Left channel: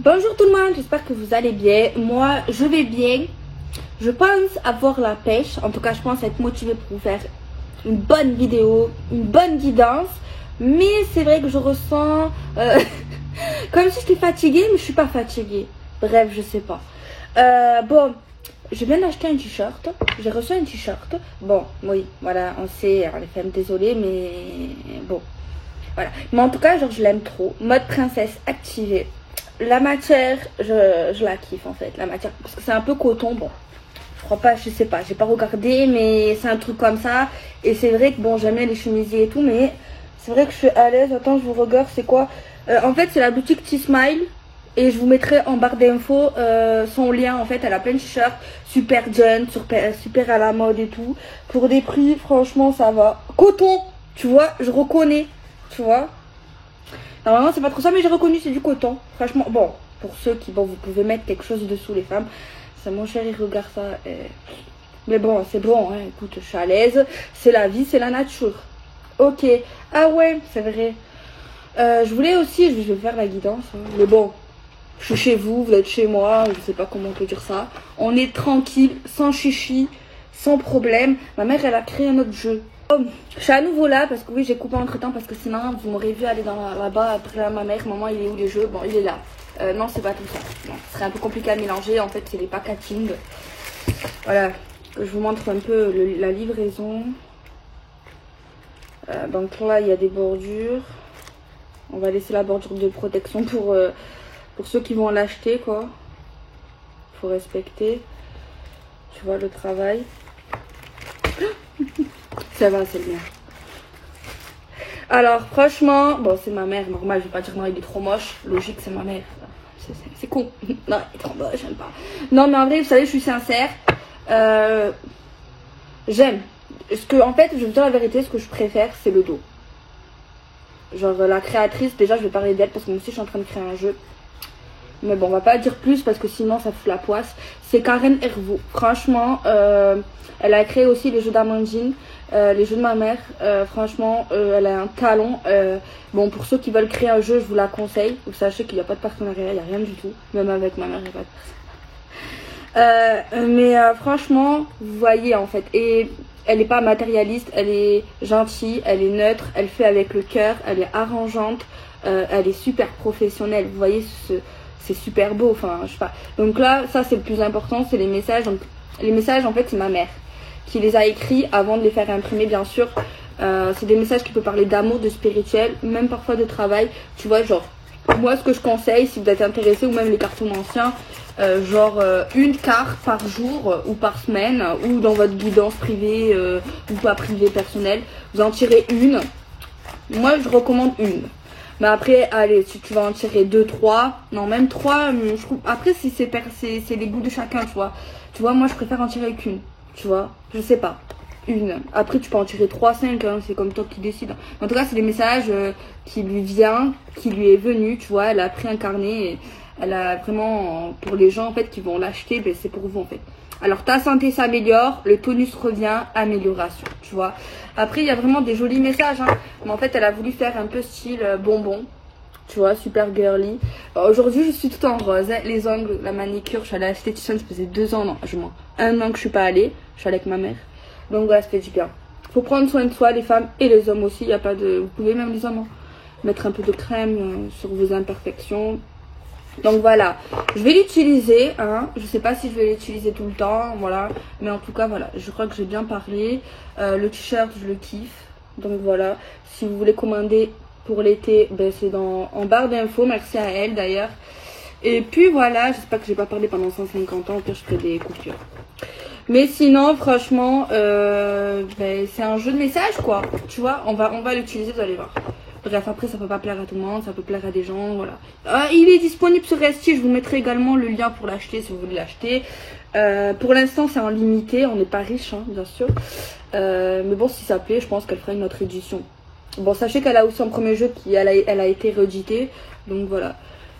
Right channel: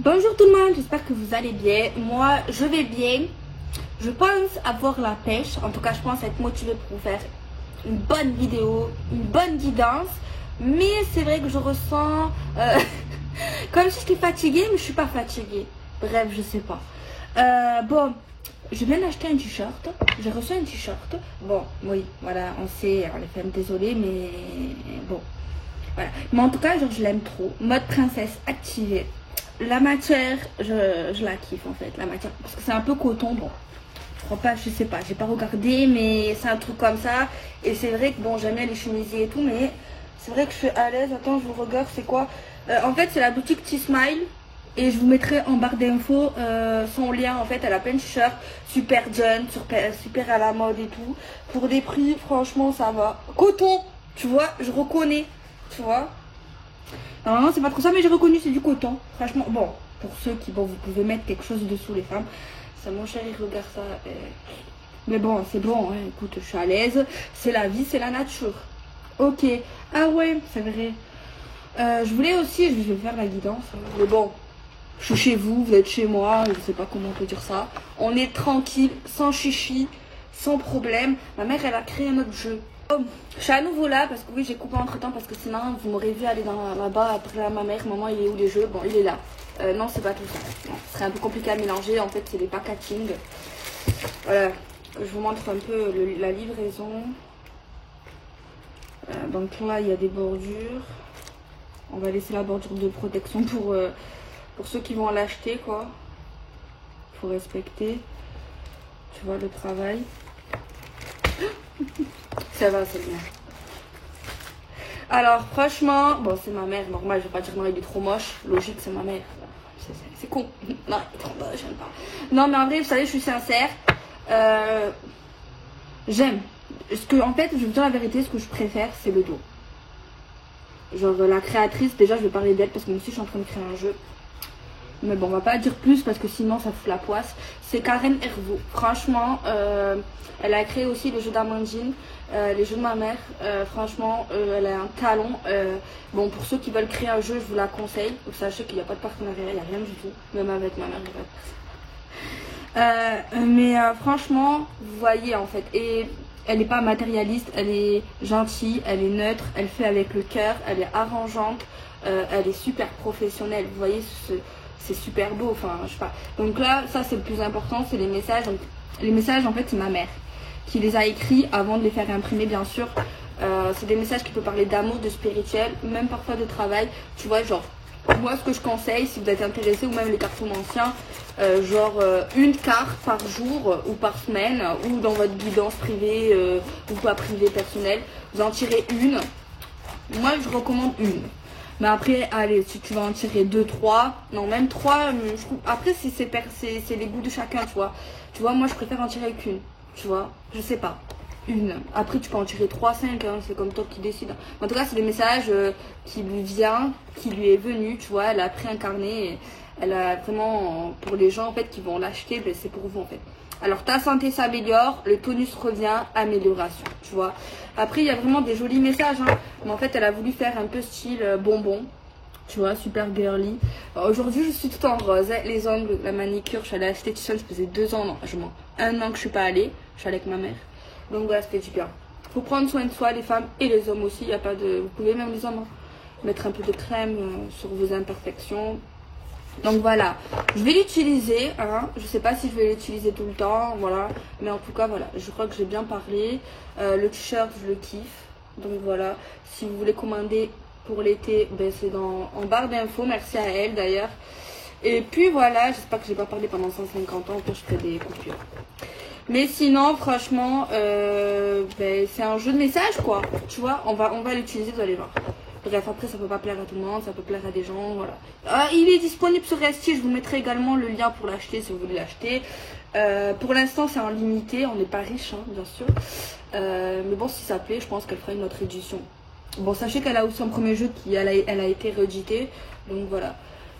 Bonjour tout le monde, j'espère que vous allez bien. Moi, je vais bien. Je pense avoir la pêche. En tout cas, je pense être motivée pour vous faire une bonne vidéo, une bonne guidance. Mais c'est vrai que je ressens comme si j'étais fatiguée, mais je suis pas fatiguée. Bref, je sais pas. Bon, je viens d'acheter un t-shirt. J'ai reçu un t-shirt. Bon, oui, voilà, on sait, les femmes, désolée, mais bon. Voilà. Mais en tout cas, genre, je l'aime trop. Mode princesse activée. La matière, je la kiffe en fait, la matière, parce que c'est un peu coton, bon, je crois pas, je sais pas, j'ai pas regardé, mais c'est un truc comme ça, et c'est vrai que bon, j'aime bien les chemisiers et tout, mais c'est vrai que je suis à l'aise. Attends, je vous regarde, c'est quoi, en fait, c'est la boutique T-Smile, et je vous mettrai en barre d'infos son lien, en fait, elle a plein de t-shirts, super jeune, super à la mode et tout, pour des prix, franchement, ça va, coton, tu vois, je reconnais, tu vois. Normalement c'est pas trop ça, mais j'ai reconnu, c'est du coton. Franchement, bon, pour ceux qui, bon, vous pouvez mettre quelque chose dessous les femmes. Ça, mon chéri, regarde ça. Mais bon, c'est bon, hein, écoute, je suis à l'aise. C'est la vie, c'est la nature. Ok, ah ouais, c'est vrai. Je voulais aussi, je vais faire la guidance, hein, mais bon, je suis chez vous, vous êtes chez moi, je sais pas comment on peut dire ça. On est tranquille, sans chichi, sans problème. Ma mère, elle a créé un autre jeu. Oh, je suis à nouveau là parce que oui, j'ai coupé entre temps parce que sinon vous m'aurez vu aller là-bas après à ma mère. Maman, il est où les jeux? Bon, il est là. Non, c'est pas tout ça. Non, ce serait un peu compliqué à mélanger. En fait, c'est les packaging. Voilà, je vous montre un peu la livraison. Donc là, il y a des bordures. On va laisser la bordure de protection pour ceux qui vont l'acheter, quoi. Faut respecter. Tu vois le travail. Ça va, c'est bien. Alors, franchement, bon, c'est ma mère, normal, je vais pas dire non, il est trop moche. Logique, c'est ma mère. C'est con. Non, il est trop moche, j'aime pas. Non, mais en vrai, vous savez, je suis sincère. J'aime. En fait, je vais vous dire la vérité, ce que je préfère, c'est le dos. Genre, la créatrice, déjà, je vais parler d'elle parce que moi aussi, je suis en train de créer un jeu. Mais bon, on va pas dire plus parce que sinon ça fout la poisse. C'est Karen Hervaux. Franchement, elle a créé aussi les jeux d'Amandine, les jeux de ma mère. Franchement, elle a un talent. Bon, pour ceux qui veulent créer un jeu, je vous la conseille. Vous sachez qu'il n'y a pas de partenariat, il n'y a rien du tout. Même avec ma mère, il n'y a pas de partenariat. Franchement, vous voyez en fait. Et elle n'est pas matérialiste, elle est gentille, elle est neutre, elle fait avec le cœur, elle est arrangeante, elle est super professionnelle. Vous voyez c'est super beau, enfin je sais pas. Donc là, ça c'est le plus important, c'est les messages. Donc, les messages en fait c'est ma mère qui les a écrits avant de les faire imprimer bien sûr. C'est des messages qui peuvent parler d'amour, de spirituel, même parfois de travail. Tu vois, genre moi ce que je conseille si vous êtes intéressé, ou même les cartons anciens, genre une carte par jour ou par semaine, ou dans votre guidance privée ou pas privée personnelle, vous en tirez une. Moi je recommande une. Mais après, allez, si tu vas en tirer 2, 3, non, même 3, je trouve. Après, si c'est les goûts de chacun, tu vois. Tu vois, moi, je préfère en tirer qu'une, tu vois. Je sais pas. Une. Après, tu peux en tirer 3, 5, hein, c'est comme toi qui décide. En tout cas, c'est des messages qui lui est venu, tu vois. Elle a pris un carnet et elle a vraiment, pour les gens, en fait, qui vont l'acheter, ben, c'est pour vous, en fait. Alors, ta santé s'améliore, le tonus revient, amélioration, tu vois. Après, il y a vraiment des jolis messages, hein. Mais en fait, elle a voulu faire un peu style bonbon, tu vois, super girly. Aujourd'hui, je suis toute en rose, hein. Les ongles, la manicure, je suis allée acheter Tiffany, ça faisait 2 ans, non, je mens. 1 an que je suis pas allée, je suis allée avec ma mère. Donc voilà, ça fait du bien. Faut prendre soin de soi, les femmes et les hommes aussi, il n'y a pas de... Vous pouvez même les hommes, hein, mettre un peu de crème sur vos imperfections. Donc voilà, je vais l'utiliser, hein. Je sais pas si je vais l'utiliser tout le temps, voilà. Mais en tout cas, voilà, je crois que j'ai bien parlé. Le t-shirt, je le kiffe. Donc voilà, si vous voulez commander pour l'été, ben c'est en barre d'infos. Merci à elle d'ailleurs. Et puis voilà, j'espère que j'ai pas parlé pendant 150 ans, que je fais des coupures. Mais sinon, franchement, ben, c'est un jeu de message, quoi. Tu vois, on va l'utiliser, vous allez voir. Bref, après, ça peut pas plaire à tout le monde, ça peut plaire à des gens, voilà. Ah, il est disponible sur Etsy, je vous mettrai également le lien pour l'acheter si vous voulez l'acheter. Pour l'instant, c'est en limité, on n'est pas riche, hein, bien sûr. Mais bon, si ça plaît, je pense qu'elle fera une autre édition. Bon, sachez qu'elle a aussi un premier jeu elle a été réédité, donc voilà.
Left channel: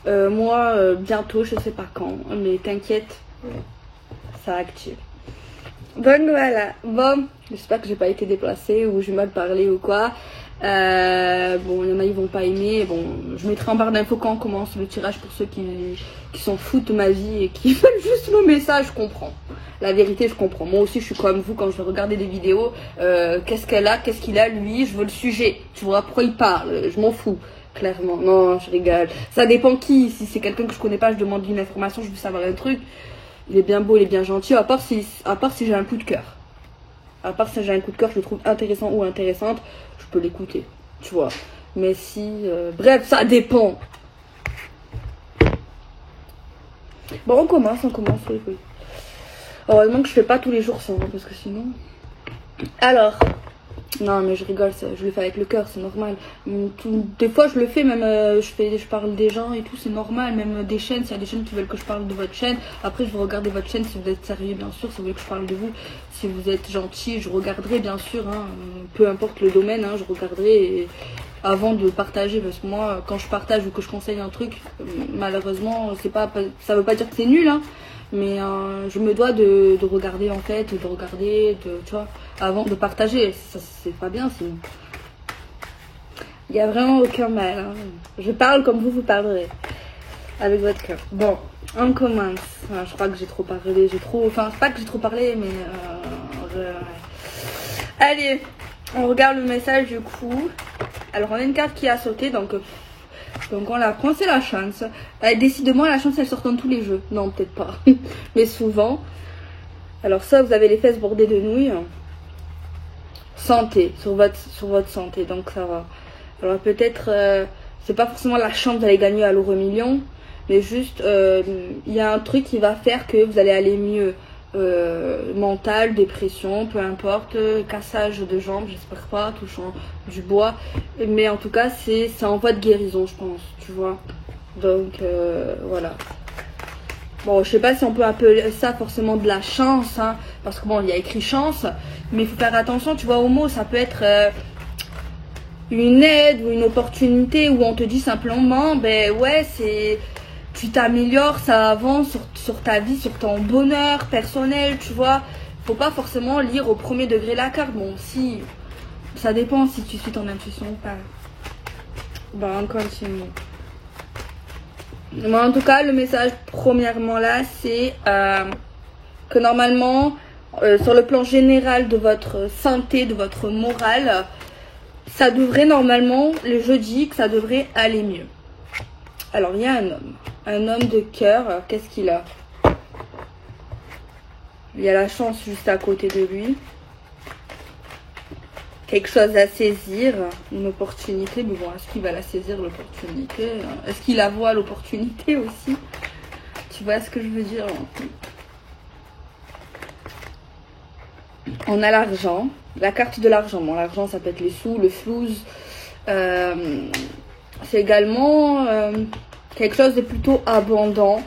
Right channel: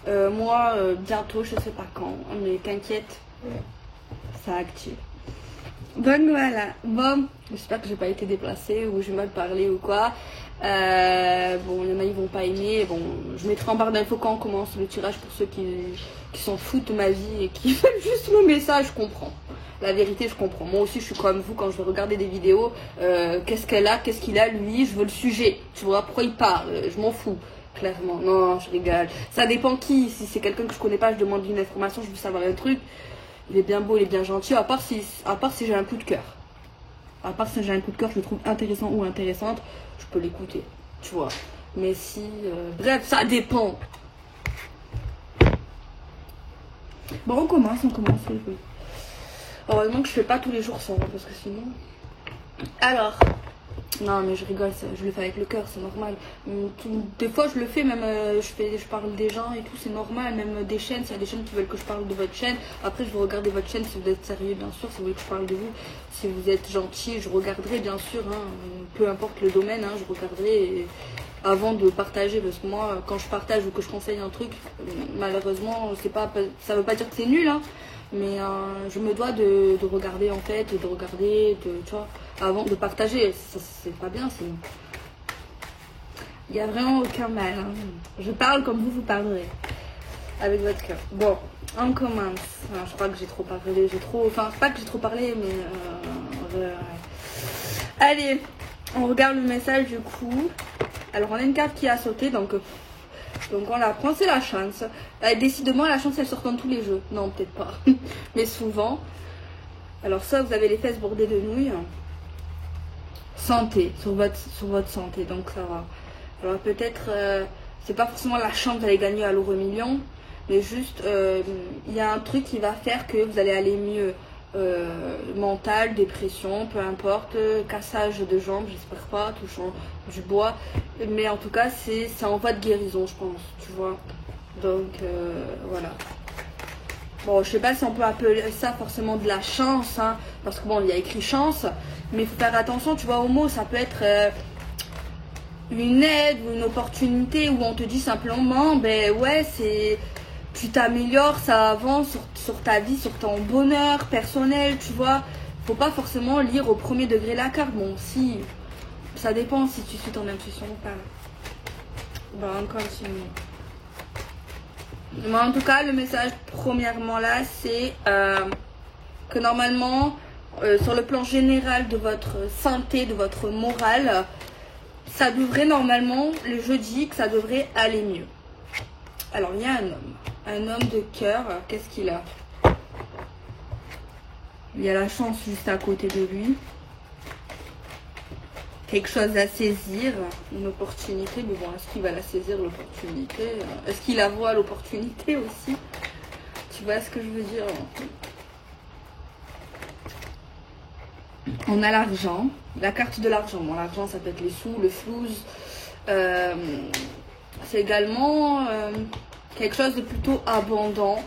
Moi, bientôt, je sais pas quand, mais t'inquiète, ça active. Donc voilà, bon, j'espère que j'ai pas été déplacée ou j'ai mal parlé ou quoi. Bon, il y en a ils vont pas aimer. Bon, je mettrai en barre d'infos quand on commence le tirage pour ceux qui s'en foutent de ma vie et qui veulent juste le message, je comprends. La vérité, je comprends. Moi aussi, je suis comme vous quand je vais regarder des vidéos. Qu'est-ce qu'elle a, qu'est-ce qu'il a, lui, je veux le sujet. Tu vois, pourquoi il parle, je m'en fous. Clairement, non, je rigole. Ça dépend qui. Si c'est quelqu'un que je connais pas, je demande une information, je veux savoir un truc. Il est bien beau, il est bien gentil, à part si j'ai un coup de cœur. À part si j'ai un coup de cœur, je le trouve intéressant ou intéressante, je peux l'écouter, tu vois. Mais si... bref, ça dépend. Bon, on commence, oui. Heureusement que je fais pas tous les jours ça, parce que sinon... Alors... Non mais je rigole, je le fais avec le cœur, c'est normal. Des fois je le fais, même je parle des gens et tout, c'est normal. Même des chaînes, s'il y a des chaînes qui veulent que je parle de votre chaîne. Après je vais regarder votre chaîne si vous êtes sérieux bien sûr, si vous voulez que je parle de vous. Si vous êtes gentil, je regarderai bien sûr, hein, peu importe le domaine, hein, je regarderai avant de partager. Parce que moi quand je partage ou que je conseille un truc, malheureusement ça veut pas dire que c'est nul, hein. Mais je me dois de regarder en fait, tu vois, avant de partager. C'est pas bien sinon. Il n'y a vraiment aucun mal, hein. Je parle comme vous parlerez, avec votre cœur. Bon, on commence. Je crois que j'ai trop parlé, enfin pas que j'ai trop parlé, mais allez, on regarde le message du coup. Alors on a une carte qui a sauté, donc on la prend, c'est la chance. Décidément, la chance, elle sort dans tous les jeux. Non, peut-être pas. Mais souvent. Alors ça, vous avez les fesses bordées de nouilles. Santé, sur votre santé, donc ça va. Alors peut-être, c'est pas forcément la chance d'aller gagner à l'euro million. Mais juste, il y a un truc qui va faire que vous allez aller mieux. Mental, dépression, peu importe, cassage de jambes, j'espère pas, touchant du bois, mais en tout cas c'est en voie de guérison, je pense, tu vois. Donc voilà. Bon, je sais pas si on peut appeler ça forcément de la chance, hein, parce que bon, il y a écrit chance, mais il faut faire attention, tu vois, au mot, ça peut être une aide ou une opportunité où on te dit simplement, ben ouais, tu t'améliores, ça avance sur ta vie, sur ton bonheur personnel, tu vois. Faut pas forcément lire au premier degré la carte. Bon, si, ça dépend si tu suis ton intuition ou pas. Ben, on continue. Mais en tout cas, le message, premièrement là, c'est que normalement, sur le plan général de votre santé, de votre morale, ça devrait normalement, le jeudi, que ça devrait aller mieux. Alors, il y a un homme de cœur. Qu'est-ce qu'il a? Il y a la chance juste à côté de lui. Quelque chose à saisir, une opportunité. Mais bon, est-ce qu'il va la saisir, l'opportunité? Est-ce qu'il la voit, l'opportunité aussi? Tu vois ce que je veux dire? On a l'argent, la carte de l'argent. Bon, l'argent, ça peut être les sous, le flouze. C'est également quelque chose de plutôt abondant.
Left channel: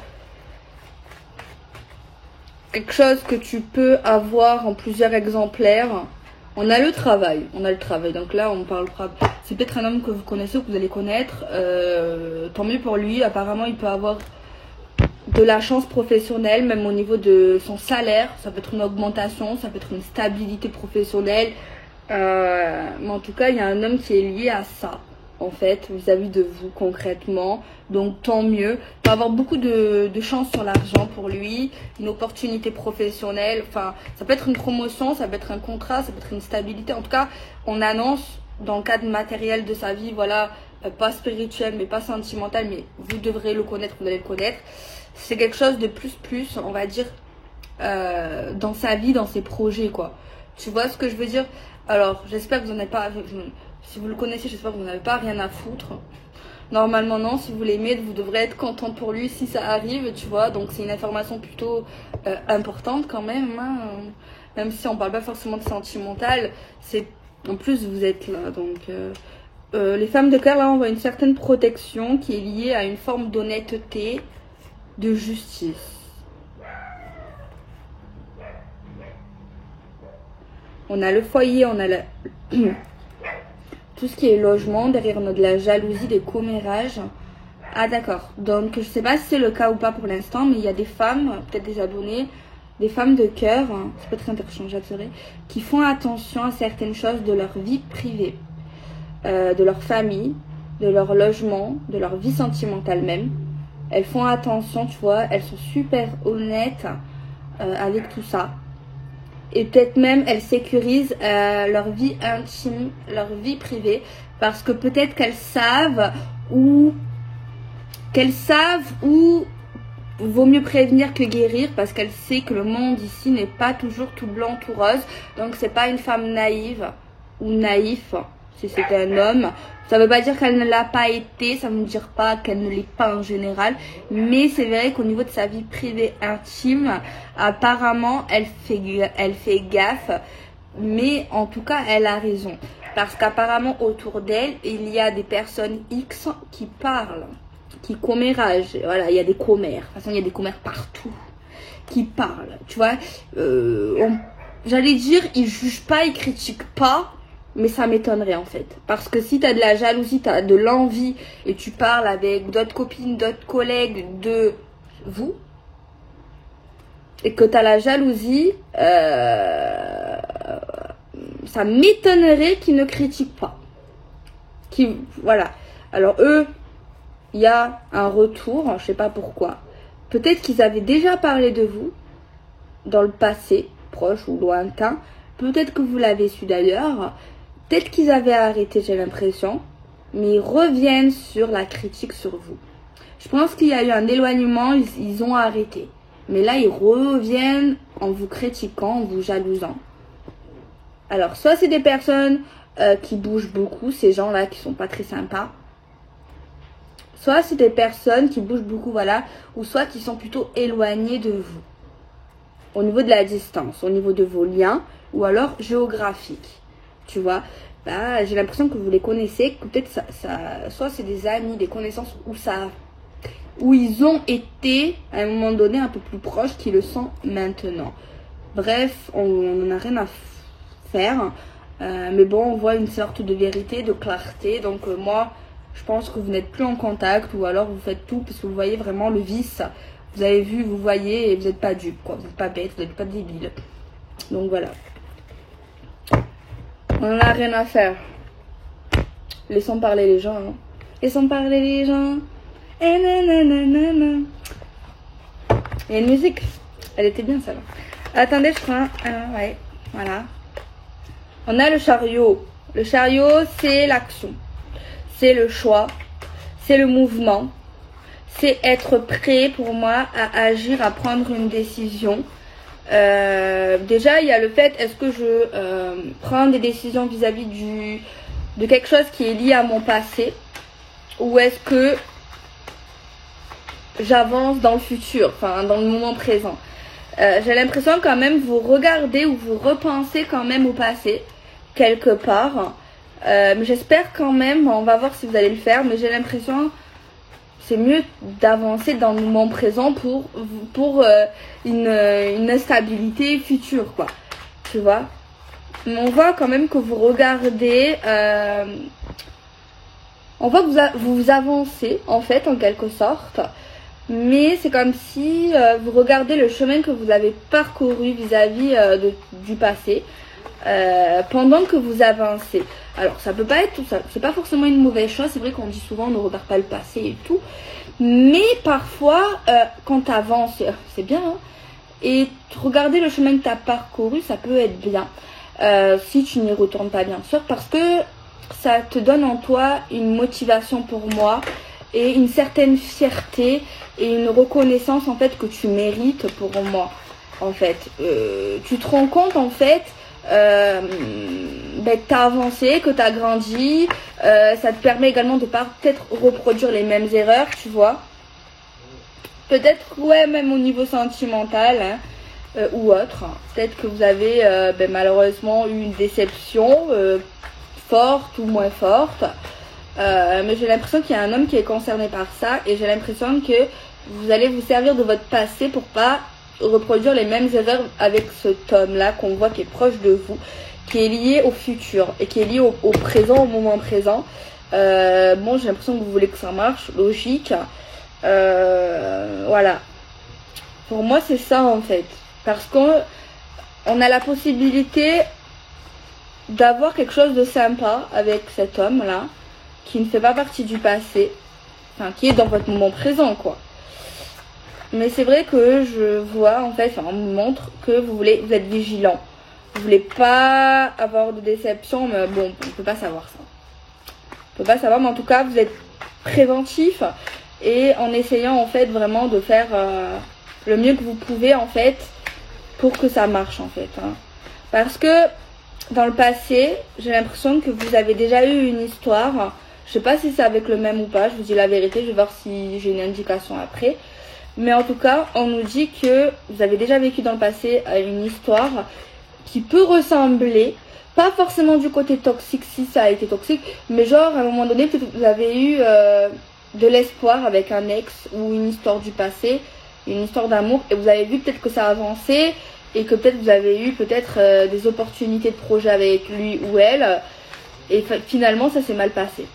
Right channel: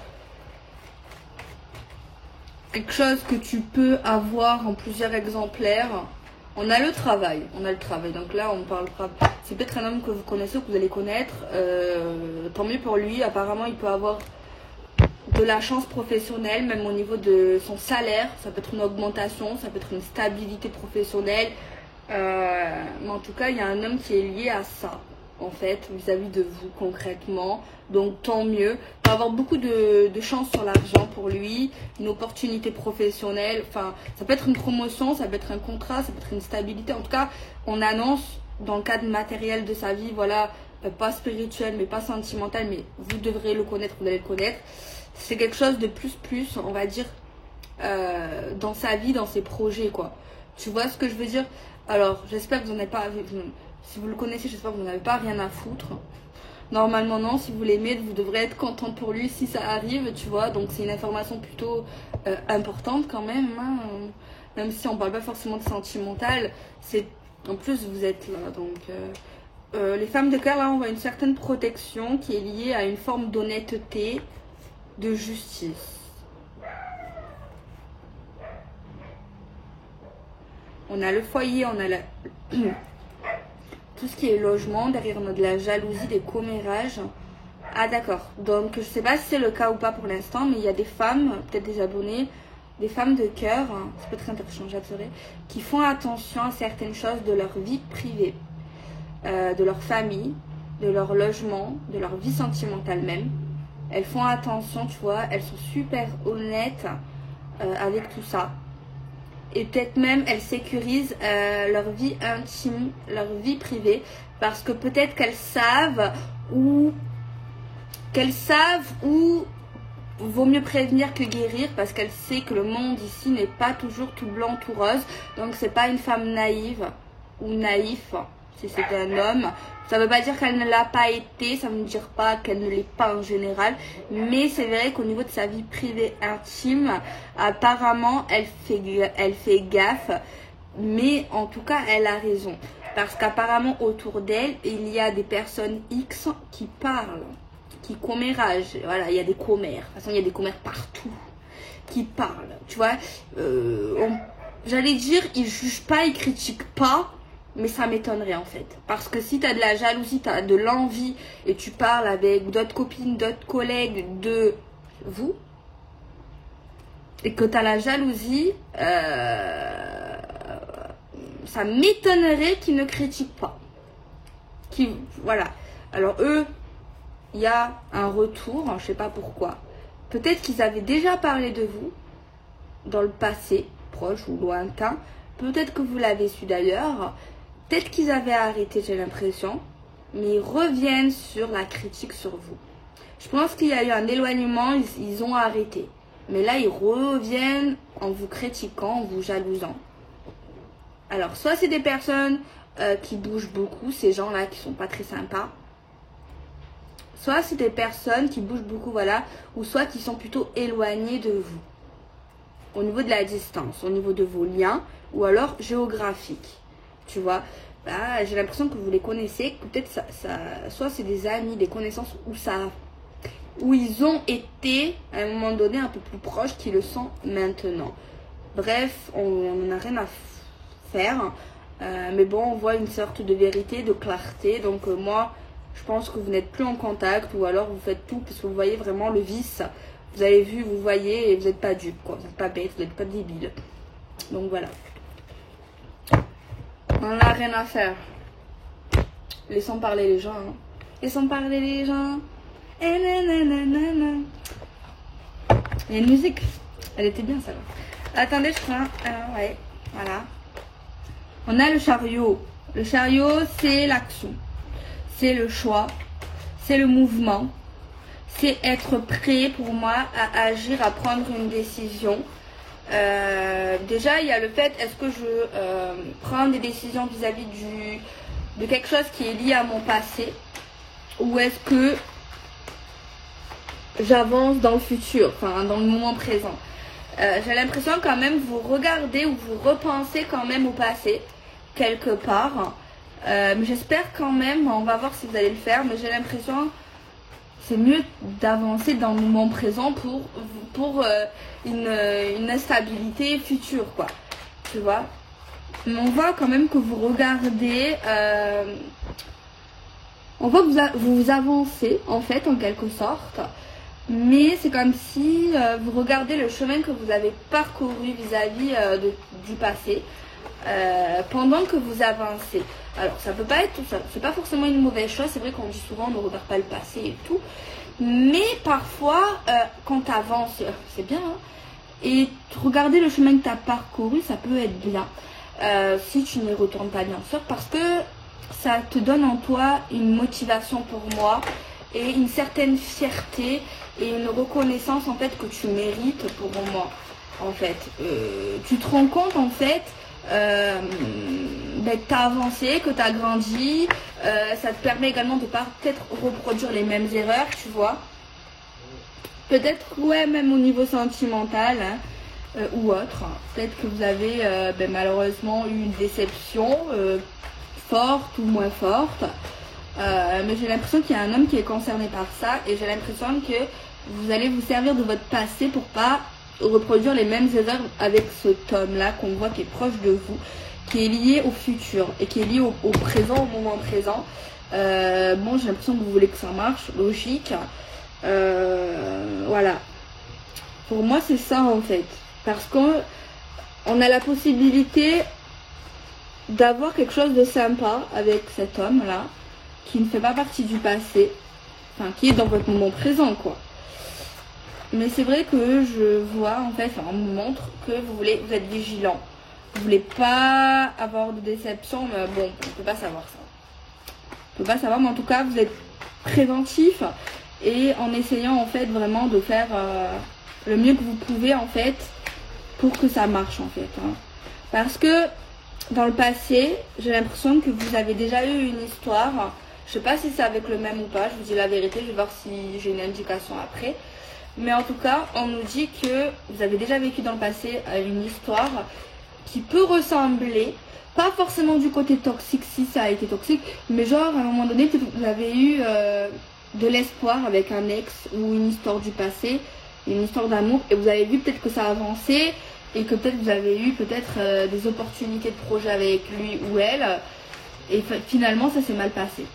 Quelque chose que tu peux avoir en plusieurs exemplaires. On a le travail. Donc là, on parle. C'est peut-être un homme que vous connaissez ou que vous allez connaître. Tant mieux pour lui. Apparemment, il peut avoir de la chance professionnelle, même au niveau de son salaire. Ça peut être une augmentation, ça peut être une stabilité professionnelle. Mais en tout cas, il y a un homme qui est lié à ça, en fait, vis-à-vis de vous concrètement. Donc tant mieux. Il peut avoir beaucoup de chance sur l'argent pour lui, une opportunité professionnelle. Enfin, ça peut être une promotion, ça peut être un contrat, ça peut être une stabilité. En tout cas, on annonce dans le cadre matériel de sa vie, voilà, pas spirituel, mais pas sentimental, mais vous devrez le connaître, vous allez le connaître. C'est quelque chose de plus, on va dire, dans sa vie, dans ses projets, quoi. Tu vois ce que je veux dire? Alors, j'espère que vous n'en avez pas, si vous le connaissez, j'espère que vous n'avez pas rien à foutre. Normalement, non. Si vous l'aimez, vous devrez être contente pour lui si ça arrive, tu vois. Donc, c'est une information plutôt importante quand même, hein. Même si on parle pas forcément de sentimental, c'est en plus vous êtes là. Donc, les femmes de cœur, là, on voit une certaine protection qui est liée à une forme d'honnêteté, de justice. On a le foyer, on a tout ce qui est logement, derrière on a de la jalousie, des commérages. Ah d'accord, donc je sais pas si c'est le cas ou pas pour l'instant, mais il y a des femmes, peut-être des abonnés, des femmes de cœur, hein, c'est pas très interchangeable, c'est vrai, qui font attention à certaines choses de leur vie privée, de leur famille, de leur logement, de leur vie sentimentale même. Elles font attention, tu vois, elles sont super honnêtes avec tout ça. Et peut-être même elles sécurisent leur vie intime, leur vie privée, parce que peut-être qu'elles savent où vaut mieux prévenir que guérir, parce qu'elle sait que le monde ici n'est pas toujours tout blanc, tout rose. Donc c'est pas une femme naïve ou naïf si c'était un homme. Ça veut pas dire qu'elle ne l'a pas été, ça veut dire pas qu'elle ne l'est pas en général. Mais c'est vrai qu'au niveau de sa vie privée intime, apparemment elle fait gaffe. Mais en tout cas elle a raison. Parce qu'apparemment autour d'elle, il y a des personnes X qui parlent, qui comméragent. Voilà, il y a des commères. De toute façon, il y a des commères partout qui parlent. Tu vois, j'allais dire, ils jugent pas, ils critiquent pas, mais ça m'étonnerait en fait. Parce que si tu as de la jalousie, tu as de l'envie et tu parles avec d'autres copines, d'autres collègues de vous, et que tu as la jalousie, ça m'étonnerait qu'ils ne critiquent pas. Voilà. Alors eux, il y a un retour, je sais pas pourquoi. Peut-être qu'ils avaient déjà parlé de vous dans le passé, proche ou lointain. Peut-être que vous l'avez su d'ailleurs. Peut-être qu'ils avaient arrêté, j'ai l'impression. Mais ils reviennent sur la critique sur vous. Je pense qu'il y a eu un éloignement, ils ont arrêté. Mais là, ils reviennent en vous critiquant, en vous jalousant. Alors, soit c'est des personnes qui bougent beaucoup, ces gens-là qui sont pas très sympas. Soit c'est des personnes qui bougent beaucoup, voilà, ou soit qui sont plutôt éloignées de vous. Au niveau de la distance, au niveau de vos liens, ou alors géographiques. Tu vois, bah, j'ai l'impression que vous les connaissez, que peut-être soit c'est des amis, des connaissances, où ils ont été à un moment donné un peu plus proches qu'ils le sont maintenant. Bref, on n'en a rien à faire. Mais bon, on voit une sorte de vérité, de clarté. Donc moi, je pense que vous n'êtes plus en contact, ou alors vous faites tout puisque vous voyez vraiment le vice. Vous avez vu, vous voyez, et vous n'êtes pas dupe, quoi. Vous n'êtes pas bête, vous n'êtes pas débile. Donc voilà. On n'en a rien à faire. Laissons parler les gens. Hein. Laissons parler les gens. Et nanana. Il y a une musique. Elle était bien celle-là. Attendez, je crois. Ah ouais. Voilà. On a le chariot. Le chariot, c'est l'action. C'est le choix. C'est le mouvement. C'est être prêt pour moi à agir, à prendre une décision. Déjà, il y a le fait, est-ce que je prends des décisions vis-à-vis de quelque chose qui est lié à mon passé, ou est-ce que j'avance dans le futur, enfin dans le moment présent. J'ai l'impression quand même vous regardez ou vous repensez quand même au passé, quelque part. Mais j'espère quand même, on va voir si vous allez le faire, mais j'ai l'impression c'est mieux d'avancer dans le moment présent pour une stabilité future, quoi. Tu vois. Mais on voit quand même que vous regardez, on voit que vous avancez en fait en quelque sorte. Mais c'est comme si vous regardez le chemin que vous avez parcouru vis-à-vis du passé pendant que vous avancez. Alors ça peut pas être tout ça, c'est pas forcément une mauvaise chose. C'est vrai qu'on dit souvent on ne regarde pas le passé et tout, mais parfois quand tu avances, c'est bien, hein, et regarder le chemin que tu as parcouru, ça peut être bien si tu n'y retournes pas, bien sûr, parce que ça te donne en toi une motivation pour moi et une certaine fierté et une reconnaissance en fait que tu mérites pour moi. En fait, tu te rends compte en fait que tu as avancé, que tu as grandi, ça te permet également de pas peut-être reproduire les mêmes erreurs, tu vois. Peut-être, ouais, même au niveau sentimental, hein, ou autre. Peut-être que vous avez malheureusement eu une déception forte ou moins forte. Mais j'ai l'impression qu'il y a un homme qui est concerné par ça, et j'ai l'impression que vous allez vous servir de votre passé pour pas reproduire les mêmes erreurs avec cet homme-là qu'on voit qui est proche de vous, qui est lié au futur et qui est lié au présent, au moment présent. Bon, j'ai l'impression que vous voulez que ça marche, logique. Voilà. Pour moi, c'est ça en fait. Parce qu'on a la possibilité d'avoir quelque chose de sympa avec cet homme-là, qui ne fait pas partie du passé, enfin qui est dans votre moment présent, quoi. Mais c'est vrai que je vois, en fait, on me montre que vous êtes vigilant. Vous voulez pas avoir de déception, mais bon, on peut pas savoir ça. On peut pas savoir, mais en tout cas, vous êtes préventif et en essayant, en fait, vraiment de faire le mieux que vous pouvez, en fait, pour que ça marche, en fait. Hein. Parce que dans le passé, j'ai l'impression que vous avez déjà eu une histoire. Je sais pas si c'est avec le même ou pas, je vous dis la vérité, je vais voir si j'ai une indication après. Mais en tout cas, on nous dit que vous avez déjà vécu dans le passé une histoire qui peut ressembler, pas forcément du côté toxique si ça a été toxique, mais genre à un moment donné, peut-être que vous avez eu de l'espoir avec un ex ou une histoire du passé, une histoire d'amour, et vous avez vu peut-être que ça a avancé et que peut-être vous avez eu peut-être des opportunités de projet avec lui ou elle, et finalement ça s'est mal passé.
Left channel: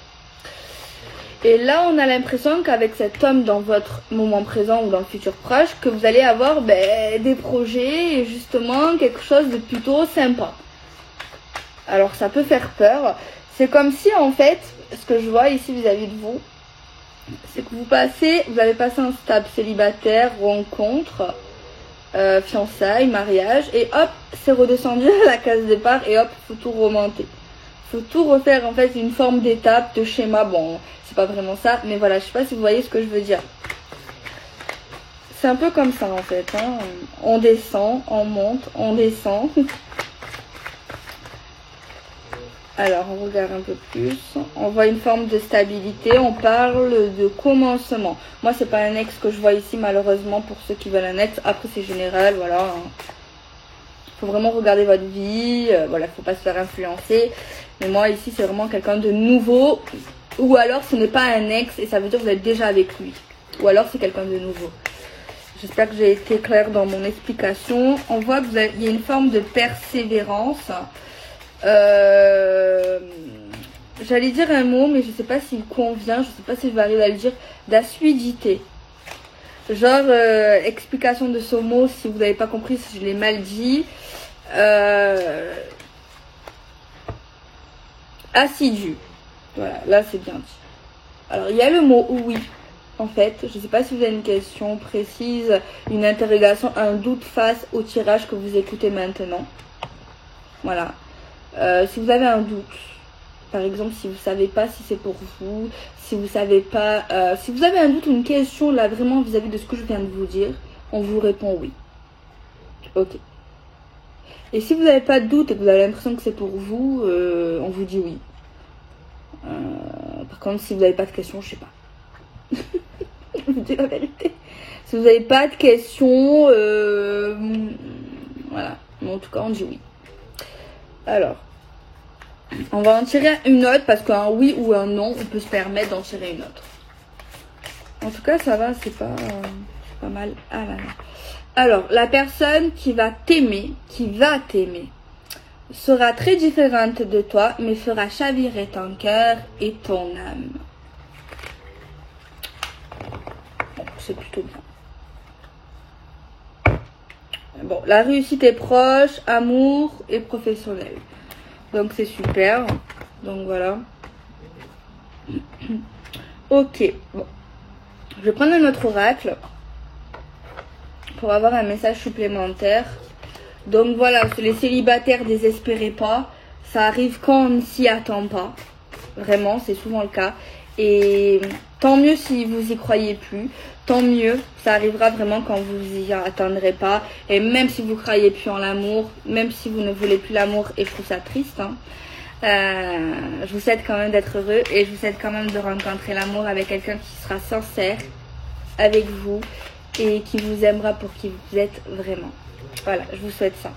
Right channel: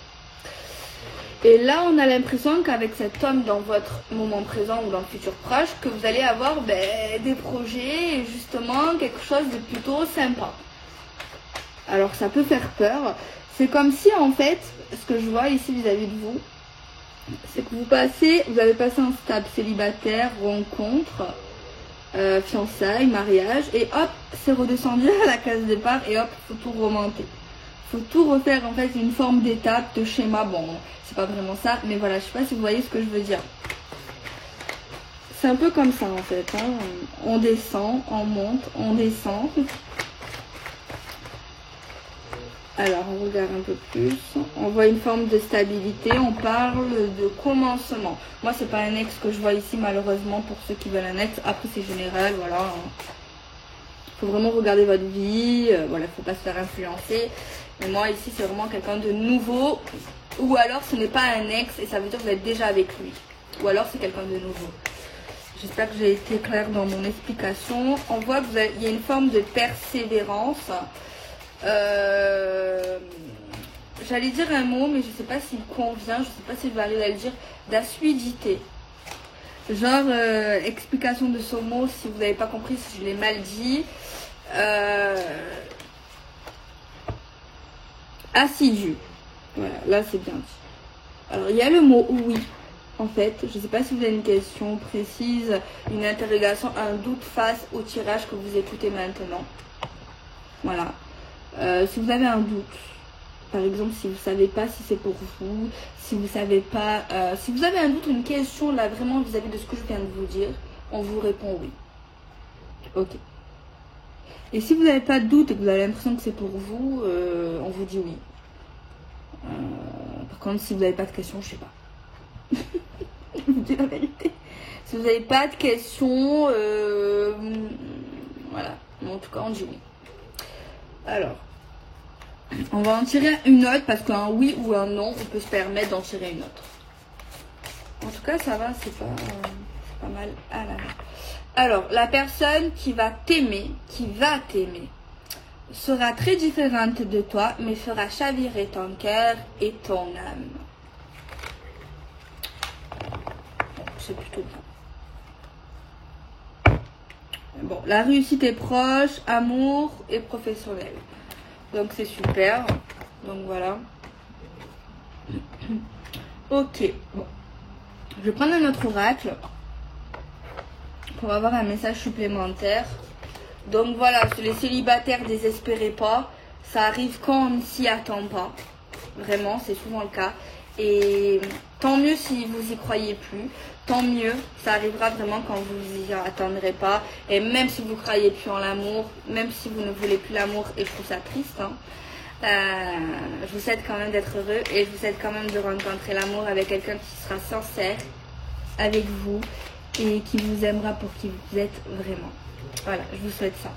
Et là, on a l'impression qu'avec cet homme dans votre moment présent ou dans le futur proche, que vous allez avoir des projets et justement quelque chose de plutôt sympa. Alors, ça peut faire peur. C'est comme si, en fait, ce que je vois ici vis-à-vis de vous, c'est que vous avez passé un stade célibataire, rencontre, fiançailles, mariage, et hop, c'est redescendu à la case départ et hop, faut tout remonter. Faut tout refaire en fait, une forme d'étape, de schéma. Bon, c'est pas vraiment ça, mais voilà, je sais pas si vous voyez ce que je veux dire. C'est un peu comme ça en fait. Hein. On descend, on monte, on descend. Alors, on regarde un peu plus. On voit une forme de stabilité. On parle de commencement. Moi, c'est pas un ex que je vois ici, malheureusement, pour ceux qui veulent un ex. Après, c'est général, voilà. Faut vraiment regarder votre vie. Voilà, faut pas se faire influencer. Mais moi, ici, c'est vraiment quelqu'un de nouveau. Ou alors, ce n'est pas un ex et ça veut dire que vous êtes déjà avec lui. Ou alors, c'est quelqu'un de nouveau. J'espère que j'ai été claire dans mon explication. On voit qu'il y a une forme de persévérance. J'allais dire un mot, mais je sais pas s'il convient. Je sais pas si je vais arriver à le dire. D'assiduité. Genre, explication de ce mot, si vous n'avez pas compris, si je l'ai mal dit. Assidu. Voilà, là c'est bien dit. Alors, il y a le mot oui. En fait, je ne sais pas si vous avez une question précise, une interrogation, un doute face au tirage que vous écoutez maintenant. Voilà. Si vous avez un doute, par exemple, si vous ne savez pas si c'est pour vous, si vous savez pas, si vous avez un doute ou une question là vraiment vis-à-vis de ce que je viens de vous dire, on vous répond oui. Ok. Et si vous n'avez pas de doute et que vous avez l'impression que c'est pour vous, on vous dit oui. Par contre, si vous n'avez pas de questions, je sais pas. Je vous dis la vérité. Si vous n'avez pas de questions, voilà. Mais en tout cas, on dit oui. Alors, on va en tirer une autre parce qu'un oui ou un non, on peut se permettre d'en tirer une autre. En tout cas, ça va, c'est pas mal. Ah là là. Alors, la personne qui va t'aimer, sera très différente de toi, mais fera chavirer ton cœur et ton âme. Bon, c'est plutôt bien. Bon, la réussite est proche, amour et professionnel. Donc, c'est super. Donc, voilà. Ok, bon. Je vais prendre un autre oracle pour avoir un message supplémentaire. Donc voilà, les célibataires, désespérez pas. Ça arrive quand on ne s'y attend pas. Vraiment, c'est souvent le cas. Et tant mieux si vous y croyez plus. Tant mieux, ça arrivera vraiment quand vous y attendrez pas. Et même si vous croyez plus en l'amour, même si vous ne voulez plus l'amour, et je trouve ça triste, hein, je vous souhaite quand même d'être heureux. Et je vous souhaite quand même de rencontrer l'amour avec quelqu'un qui sera sincère avec vous et qui vous aimera pour qui vous êtes vraiment. Voilà, je vous souhaite ça.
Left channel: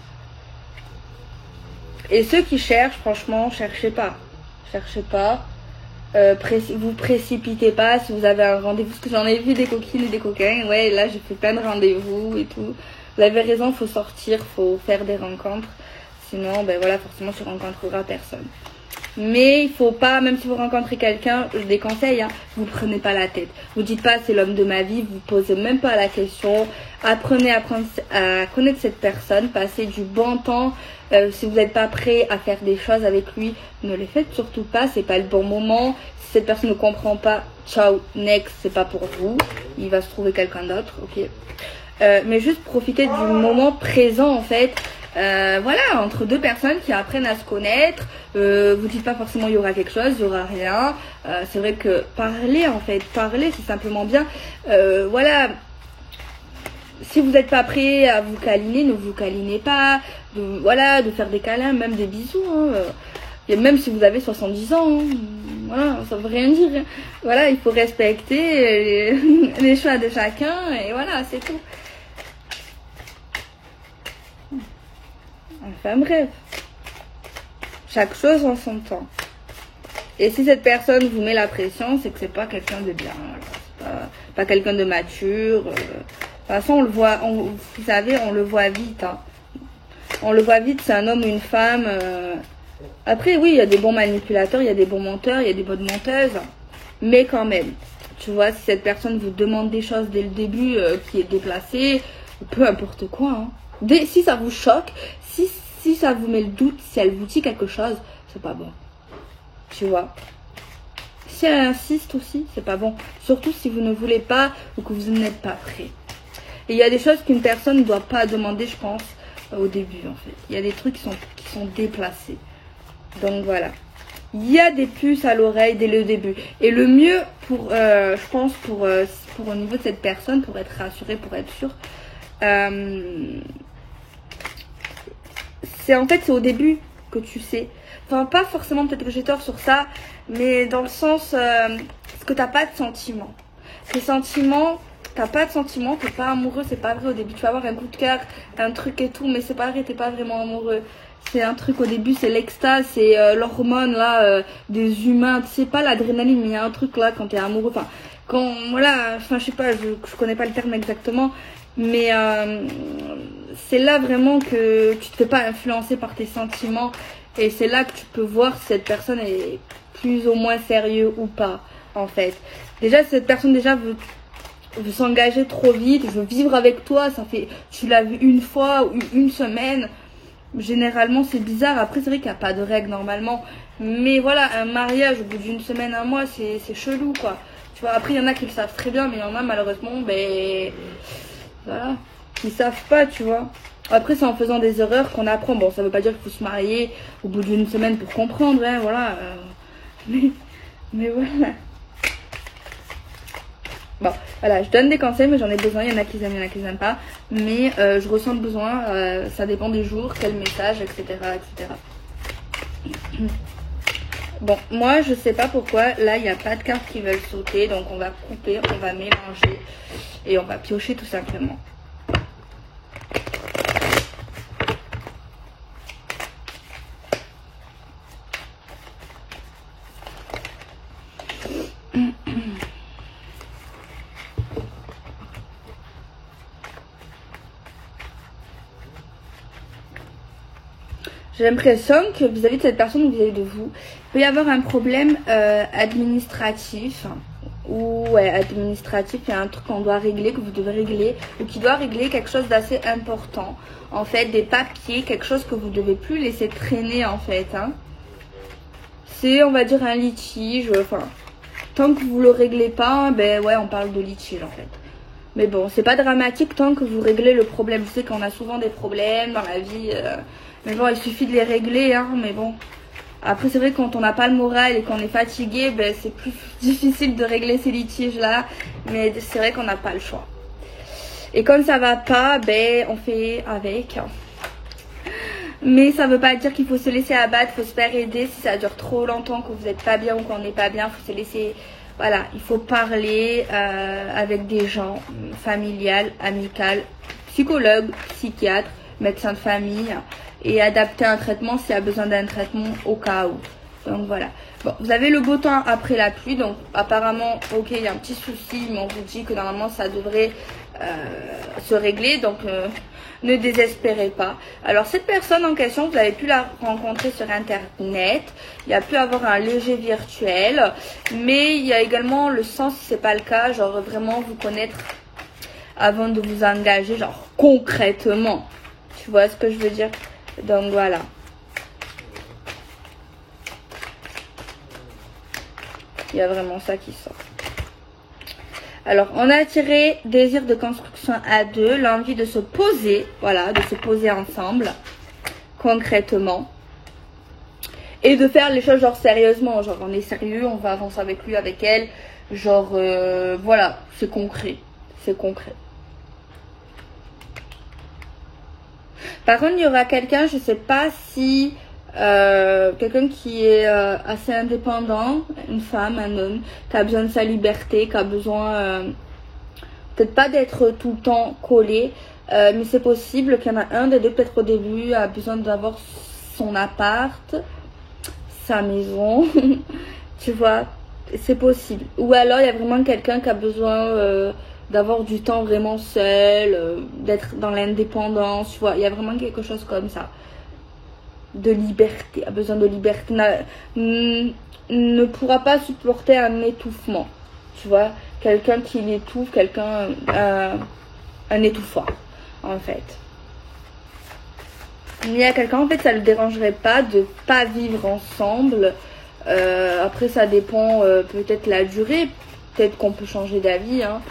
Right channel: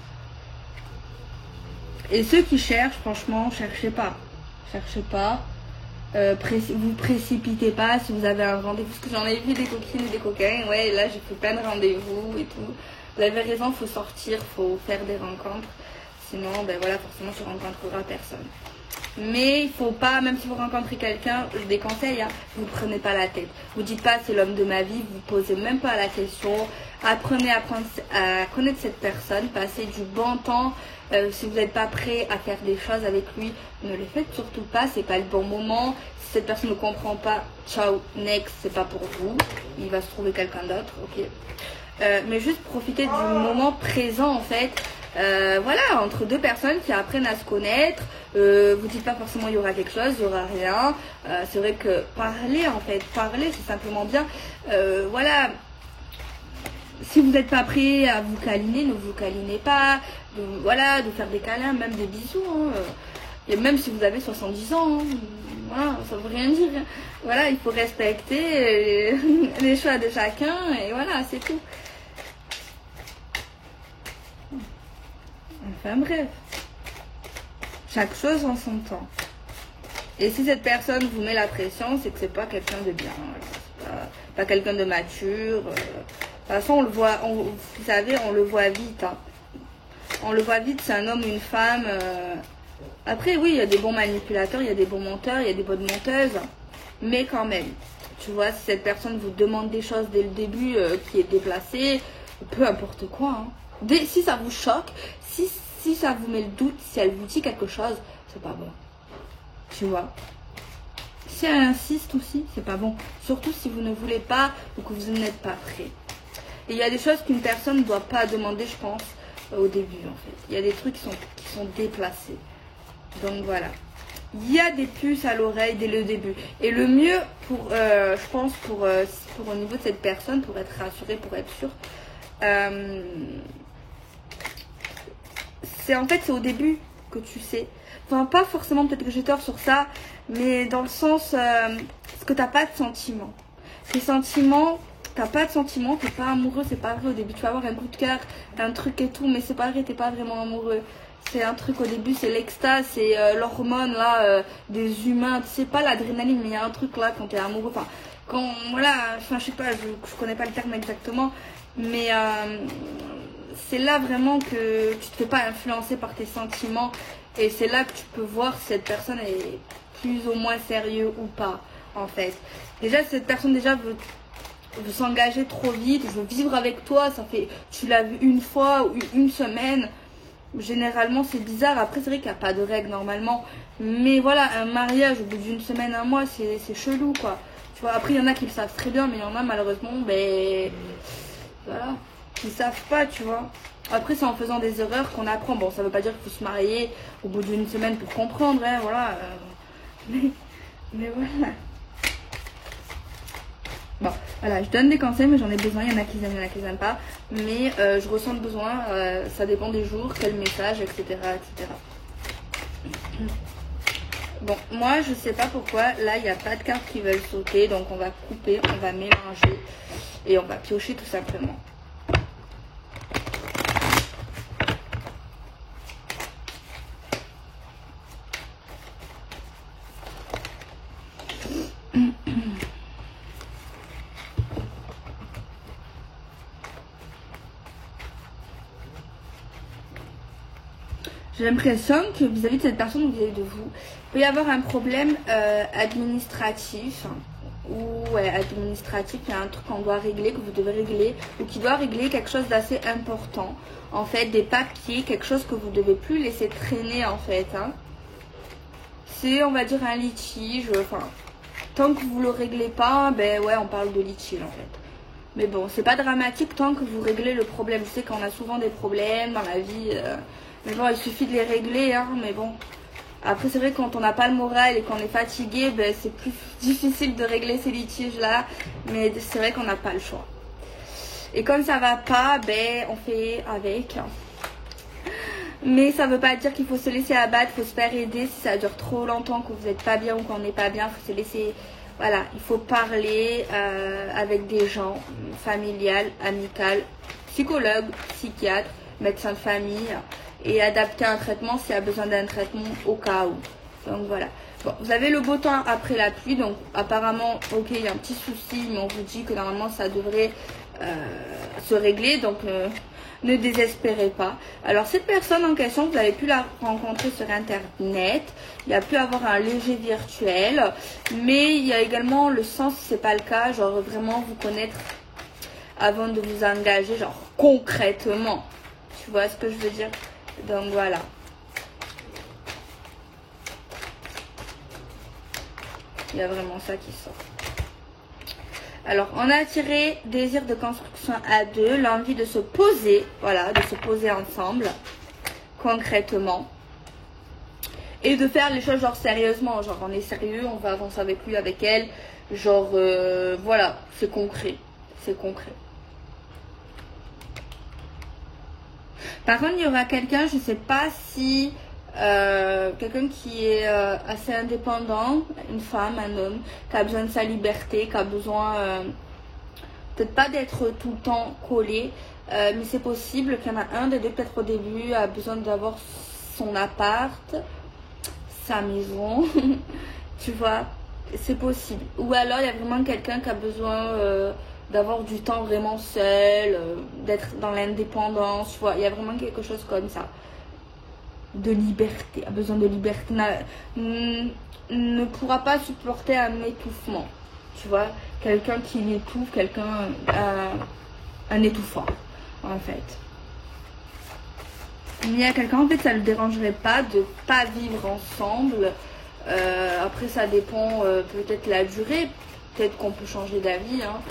Et ceux qui cherchent, franchement, cherchez pas. Cherchez pas. Vous précipitez pas si vous avez un rendez-vous. Parce que j'en ai vu des coquines et des coquins. Ouais, là, j'ai fait plein de rendez-vous et tout. Vous avez raison, faut sortir, faut faire des rencontres. Sinon, ben voilà, forcément, tu rencontreras personne. Mais il faut pas, même si vous rencontrez quelqu'un, je déconseille, hein, vous prenez pas la tête. Vous dites pas c'est l'homme de ma vie, vous posez même pas la question. Apprenez à connaître cette personne, passez du bon temps. Si vous n'êtes pas prêt à faire des choses avec lui, ne les faites surtout pas, c'est pas le bon moment. Si cette personne ne comprend pas, ciao, next, c'est pas pour vous. Il va se trouver quelqu'un d'autre, ok. Mais juste profiter du moment présent en fait. Voilà, entre deux personnes qui apprennent à se connaître. Vous dites pas forcément il y aura quelque chose, il y aura rien. C'est vrai que parler en fait, parler c'est simplement bien. Voilà. Si vous n'êtes pas prêt à vous câliner, ne vous câlinez pas. Voilà, de faire des câlins, même des bisous. Hein. Et même si vous avez 70 ans, hein. Voilà, ça veut rien dire. Hein. Voilà, il faut respecter les choix de chacun et voilà, c'est tout. Enfin bref, chaque chose en son temps. Et si cette personne vous met la pression, c'est que c'est pas quelqu'un de bien. Voilà. C'est pas quelqu'un de mature. De toute façon, on le voit, vous savez, on le voit vite. Hein. On le voit vite, c'est un homme ou une femme. Après, oui, il y a des bons manipulateurs, il y a des bons menteurs, il y a des bonnes menteuses. Mais quand même, tu vois, si cette personne vous demande des choses dès le début qui est déplacée, peu importe quoi. Hein. Si ça vous choque, si ça vous met le doute, si elle vous dit quelque chose, c'est pas bon. Tu vois. Si elle insiste aussi, c'est pas bon. Surtout si vous ne voulez pas ou que vous n'êtes pas prêt. Et il y a des choses qu'une personne ne doit pas demander, je pense, au début en fait. Il y a des trucs qui sont déplacés. Donc voilà. Il y a des puces à l'oreille dès le début. Et le mieux, je pense, pour au niveau de cette personne, pour être rassuré, pour être sûr, c'est au début que tu sais. Enfin, pas forcément, peut-être que j'ai tort sur ça, mais dans le sens, que t'as pas de sentiments. Tes sentiments, t'as pas de sentiments, t'es pas amoureux, c'est pas vrai au début. Tu vas avoir un coup de cœur, un truc et tout, mais c'est pas vrai, t'es pas vraiment amoureux. C'est un truc au début, c'est l'extase, c'est l'hormone là des humains. Tu sais pas l'adrénaline, mais il y a un truc là quand t'es amoureux. Enfin, quand voilà, enfin je sais pas, je connais pas le terme exactement, mais c'est là vraiment que tu te fais pas influencer par tes sentiments et c'est là que tu peux voir si cette personne est plus ou moins sérieux ou pas en fait. Déjà si cette personne veut s'engager trop vite, veut vivre avec toi, ça fait tu l'as vu une fois ou une semaine. Généralement c'est bizarre, après c'est vrai qu'il n'y a pas de règle normalement, mais voilà, un mariage au bout d'une semaine, un mois, c'est chelou quoi, tu vois. Après il y en a qui le savent très bien, mais il y en a malheureusement, ben voilà, qui savent pas, tu vois. Après c'est en faisant des erreurs qu'on apprend, bon ça veut pas dire qu'il faut se marier au bout d'une semaine pour comprendre, hein, voilà, mais voilà. Bon, voilà, je donne des conseils, mais j'en ai besoin. Il y en a qui aiment, il y en a qui n'aiment pas. Mais je ressens le besoin, ça dépend des jours, quel message, etc. etc. Bon, moi, je sais pas pourquoi. Là, il n'y a pas de cartes qui veulent sauter. Donc, on va couper, on va mélanger. Et on va piocher tout simplement. J'ai l'impression que vis-à-vis de cette personne ou vis-à-vis de vous, il peut y avoir un problème administratif. Ou ouais, administratif, il y a un truc qu'on doit régler, que vous devez régler, ou qui doit régler quelque chose d'assez important. En fait, des papiers, quelque chose que vous devez plus laisser traîner en fait. Hein. C'est, on va dire, un litige. Enfin, tant que vous le réglez pas, ben ouais, on parle de litige en fait. Mais bon, c'est pas dramatique tant que vous réglez le problème. Je sais qu'on a souvent des problèmes dans la vie. Mais bon, il suffit de les régler, hein, mais bon. Après, c'est vrai que quand on n'a pas le moral et qu'on est fatigué, ben, c'est plus difficile de régler ces litiges-là. Mais c'est vrai qu'on n'a pas le choix. Et comme ça va pas, ben, on fait avec. Mais ça veut pas dire qu'il faut se laisser abattre, faut se faire aider. Si ça dure trop longtemps, que vous n'êtes pas bien ou qu'on n'est pas bien, faut se laisser... Voilà, il faut parler avec des gens, familial, amical, psychologue, psychiatre, médecin de famille, et adapter un traitement s'il y a besoin d'un traitement au cas où. Donc voilà. Bon, vous avez le beau temps après la pluie, donc apparemment, ok, il y a un petit souci, mais on vous dit que normalement ça devrait se régler, donc ne désespérez pas. Alors cette personne en question, vous avez pu la rencontrer sur internet, il y a pu avoir un léger virtuel, mais il y a également le sens si c'est pas le cas, genre vraiment vous connaître avant de vous engager, genre concrètement, tu vois ce que je veux dire? Donc voilà. Il y a vraiment ça qui sort. Alors, on a tiré désir de construction à deux, l'envie de se poser, voilà, de se poser ensemble, concrètement. Et de faire les choses genre sérieusement, genre on est sérieux, on va avancer avec lui, avec elle, genre voilà, c'est concret, c'est concret. Par contre, il y aura quelqu'un, je sais pas si... quelqu'un qui est assez indépendant, une femme, un homme, qui a besoin de sa liberté, qui a besoin peut-être pas d'être tout le temps collé, mais c'est possible qu'il y en a un des deux, peut-être au début, a besoin d'avoir son appart, sa maison, tu vois, c'est possible. Ou alors il y a vraiment quelqu'un qui a besoin d'avoir du temps vraiment seul, d'être dans l'indépendance, tu vois, il y a vraiment quelque chose comme ça. De liberté, a besoin de liberté, ne pourra pas supporter un étouffement, tu vois, quelqu'un qui l'étouffe, quelqu'un, un étouffant, en fait. Il y a quelqu'un, en fait, ça ne le dérangerait pas de pas vivre ensemble, après ça dépend peut-être la durée, peut-être qu'on peut changer d'avis, hein,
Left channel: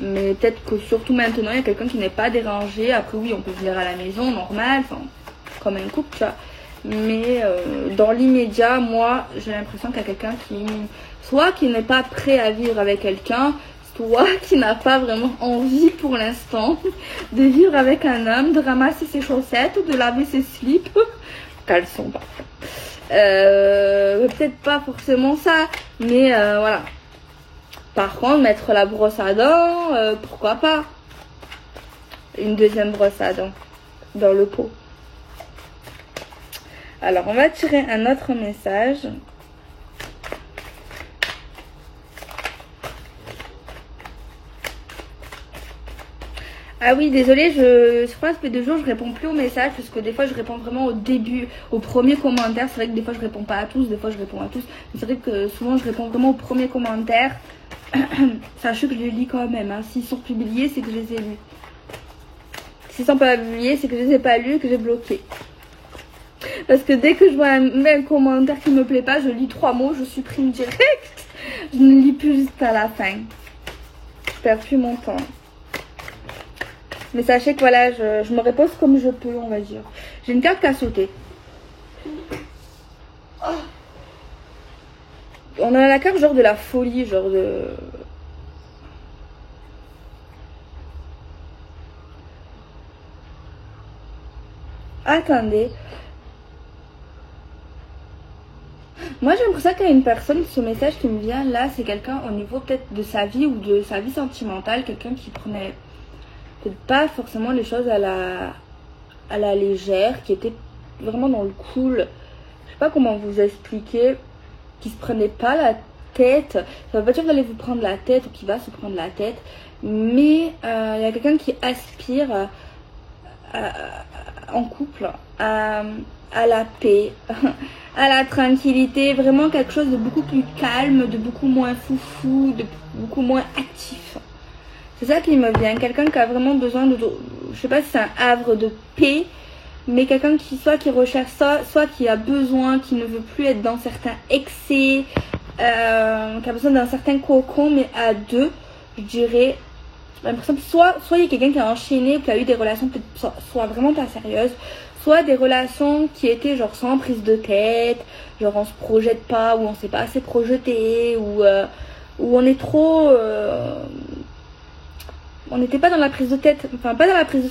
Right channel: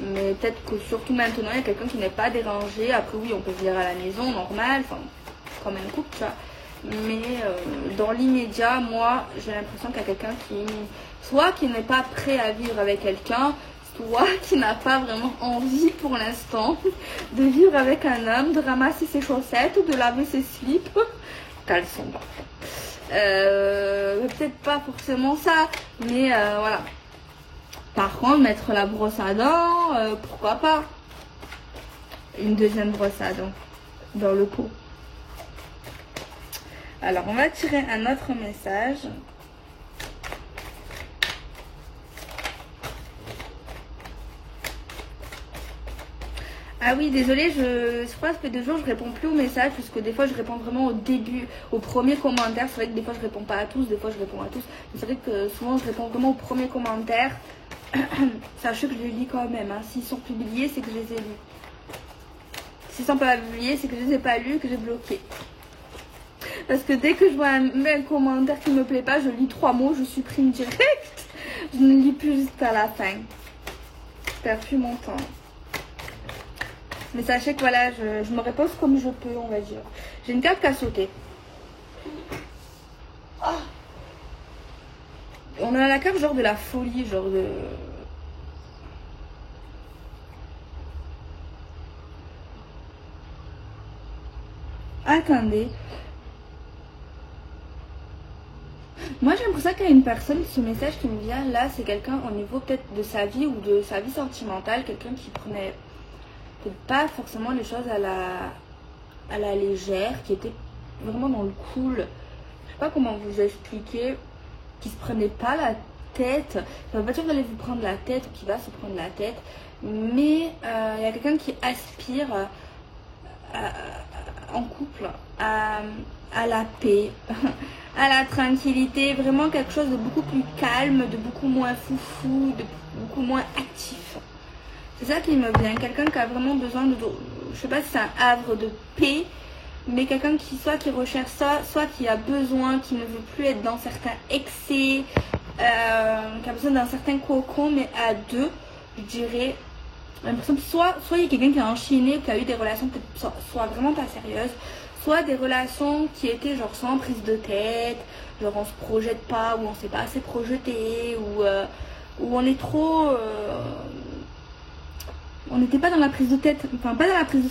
mais peut-être que surtout maintenant, il y a quelqu'un qui n'est pas dérangé, après oui, on peut venir à la maison, normal, enfin, comme un couple, tu vois. Mais dans l'immédiat, moi, j'ai l'impression qu'il y a quelqu'un qui, soit qui n'est pas prêt à vivre avec quelqu'un, soit qui n'a pas vraiment envie pour l'instant de vivre avec un homme, de ramasser ses chaussettes ou de laver ses slips, caleçons. Peut-être pas forcément ça, mais voilà. Par contre, mettre la brosse à dents, pourquoi pas? Une deuxième brosse à dents dans le pot. Alors, on va tirer un autre message. Ah oui, désolée, je crois que ça fait 2 jours, je réponds plus aux messages parce que des fois, je réponds vraiment au début, au premier commentaire. C'est vrai que des fois, je réponds pas à tous, des fois, je réponds à tous. Mais c'est vrai que souvent, je réponds vraiment au premier commentaire. Sachez que je les lis quand même. Hein. S'ils sont publiés, c'est que je les ai lus. S'ils sont pas publiés, c'est que je les ai pas lus et que j'ai bloqué. Parce que dès que je vois un commentaire qui me plaît pas, je lis 3 mots, je supprime direct. Je ne lis plus jusqu'à la fin. Je perds plus mon temps. Mais sachez que voilà, je me repose comme je peux, on va dire. J'ai une carte qui a sauté. Oh. On a la carte genre de la folie, genre de... Attendez. Moi j'ai l'impression qu'il y a une personne, ce message qui me vient là, c'est quelqu'un au niveau peut-être de sa vie ou de sa vie sentimentale, quelqu'un qui prenait peut-être pas forcément les choses à la légère, qui était vraiment dans le cool. Je sais pas comment vous expliquer, qui se prenait pas la tête. Ça veut pas dire que vous allez vous prendre la tête ou qui va se prendre la tête, mais il y a quelqu'un qui aspire en couple à la paix, à la tranquillité, vraiment quelque chose de beaucoup plus calme, de beaucoup moins foufou, de beaucoup moins actif. C'est ça qui me vient, quelqu'un qui a vraiment besoin de, je sais pas si c'est un havre de paix, mais quelqu'un qui soit qui recherche ça, soit qui a besoin, qui ne veut plus être dans certains excès, qui a besoin d'un certain cocon, mais à deux, je dirais. J'ai l'impression que soit il y a quelqu'un qui a enchaîné ou qui a eu des relations peut-être soit vraiment pas sérieuses, soit des relations qui étaient genre sans prise de tête, genre on se projette pas, ou on s'est pas assez projeté, ou on est trop... on n'était pas dans la prise de tête, enfin pas dans la prise de...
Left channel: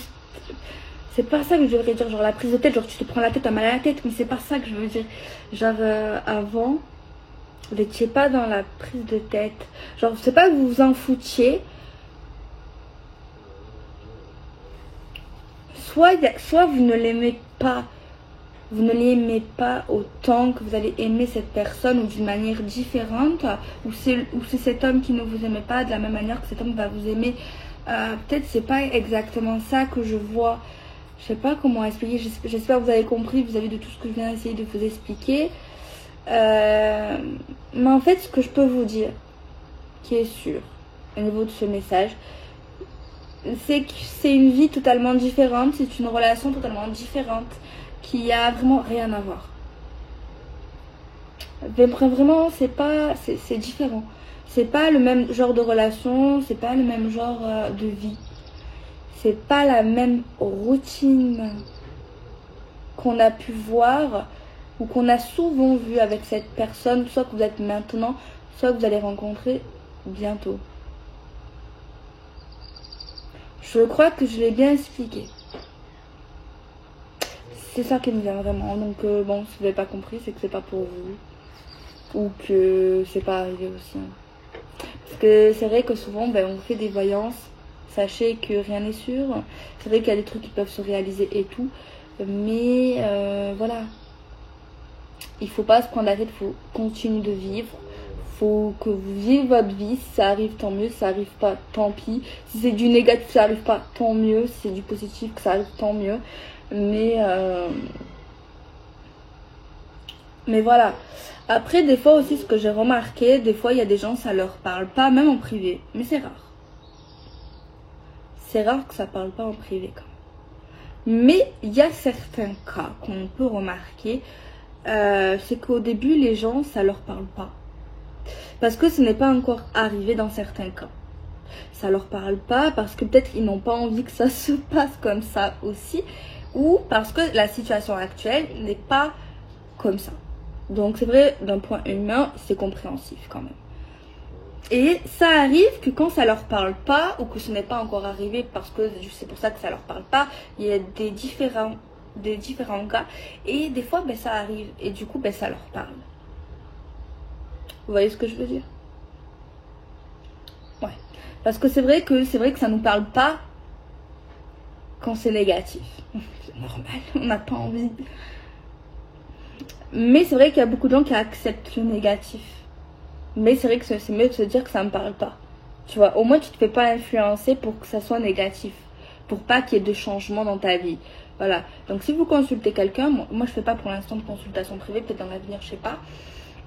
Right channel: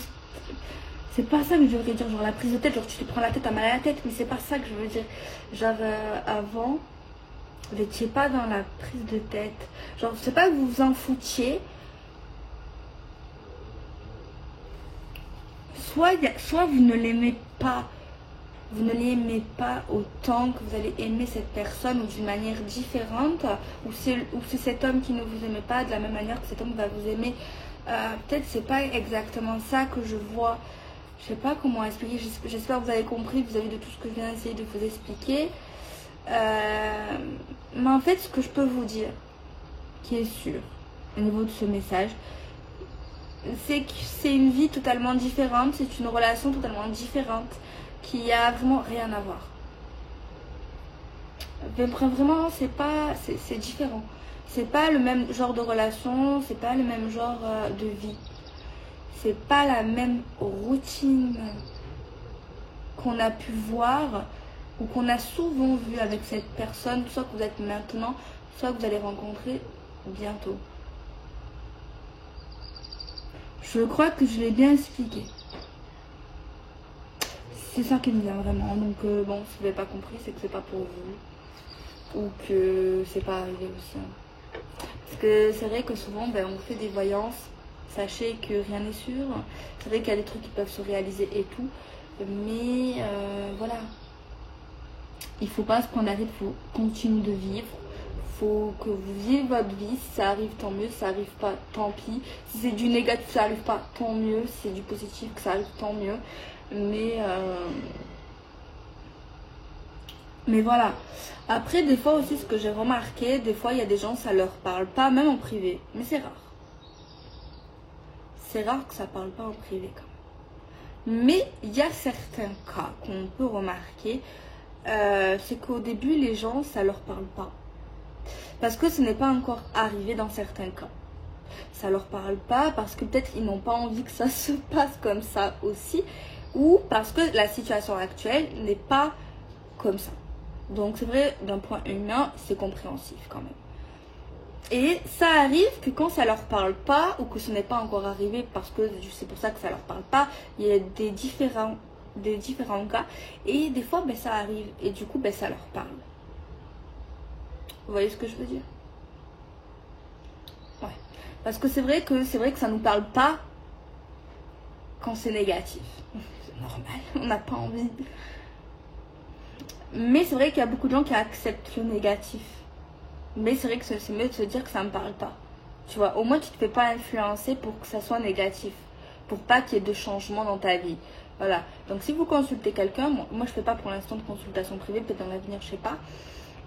C'est pas ça que je devrais dire, genre la prise de tête, genre tu te prends la tête, t'as mal à la tête, mais c'est pas ça que je veux dire. Genre avant, vous n'étiez pas dans la prise de tête. Genre c'est pas que vous vous en foutiez. Soit vous ne l'aimez pas, vous ne l'aimez pas autant que vous allez aimer cette personne ou d'une manière différente, ou c'est cet homme qui ne vous aimait pas de la même manière que cet homme va vous aimer peut-être c'est pas exactement ça que je vois. Je sais pas comment expliquer. J'espère que vous avez compris vis-à-vis de tout ce que je viens d'essayer de vous expliquer. Mais en fait, ce que je peux vous dire, qui est sûr, au niveau de ce message, c'est que c'est une vie totalement différente, c'est une relation totalement différente, qui a vraiment rien à voir. Vraiment, c'est différent. C'est pas le même genre de relation, c'est pas le même genre de vie. C'est pas la même routine qu'on a pu voir ou qu'on a souvent vu avec cette personne, soit que vous êtes maintenant, soit que vous allez rencontrer bientôt. Je crois que je l'ai bien expliqué. C'est ça qui me vient vraiment. Donc bon, si vous n'avez pas compris, c'est que c'est pas pour vous. Ou que c'est pas arrivé aussi. Parce que c'est vrai que souvent, on fait des voyances. Sachez que rien n'est sûr. C'est vrai qu'il y a des trucs qui peuvent se réaliser et tout. Mais voilà. Il faut pas se prendre la tête, il faut continuer de vivre. Faut que vous viviez votre vie. Si ça arrive, tant mieux. Si ça arrive pas, tant pis. Si c'est du négatif, ça arrive pas, tant mieux. Si c'est du positif, que ça arrive, tant mieux. Mais voilà. Après, des fois aussi, ce que j'ai remarqué, des fois, il y a des gens, ça leur parle pas, même en privé. Mais c'est rare. C'est rare que ça parle pas en privé, quand même. Mais il y a certains cas qu'on peut remarquer. C'est qu'au début, les gens, ça leur parle pas. Parce que ce n'est pas encore arrivé dans certains cas. Ça leur parle pas parce que peut-être ils n'ont pas envie que ça se passe comme ça aussi. Ou parce que la situation actuelle n'est pas comme ça. Donc c'est vrai, d'un point humain, c'est compréhensif quand même. Et ça arrive que quand ça leur parle pas, ou que ce n'est pas encore arrivé parce que c'est pour ça que ça leur parle pas, il y a des différents cas. Et des fois, ça arrive. Et du coup, ça leur parle. Vous voyez ce que je veux dire? Ouais. Parce que c'est vrai que ça nous parle pas quand c'est négatif. C'est normal, on n'a pas envie. Mais c'est vrai qu'il y a beaucoup de gens qui acceptent le négatif. Mais c'est vrai que c'est mieux de se dire que ça me parle pas. Tu vois, au moins tu te fais pas influencer pour que ça soit négatif. Pour pas qu'il y ait de changement dans ta vie. Voilà. Donc si vous consultez quelqu'un, moi je fais pas pour l'instant de consultation privée, peut-être dans l'avenir, je sais pas.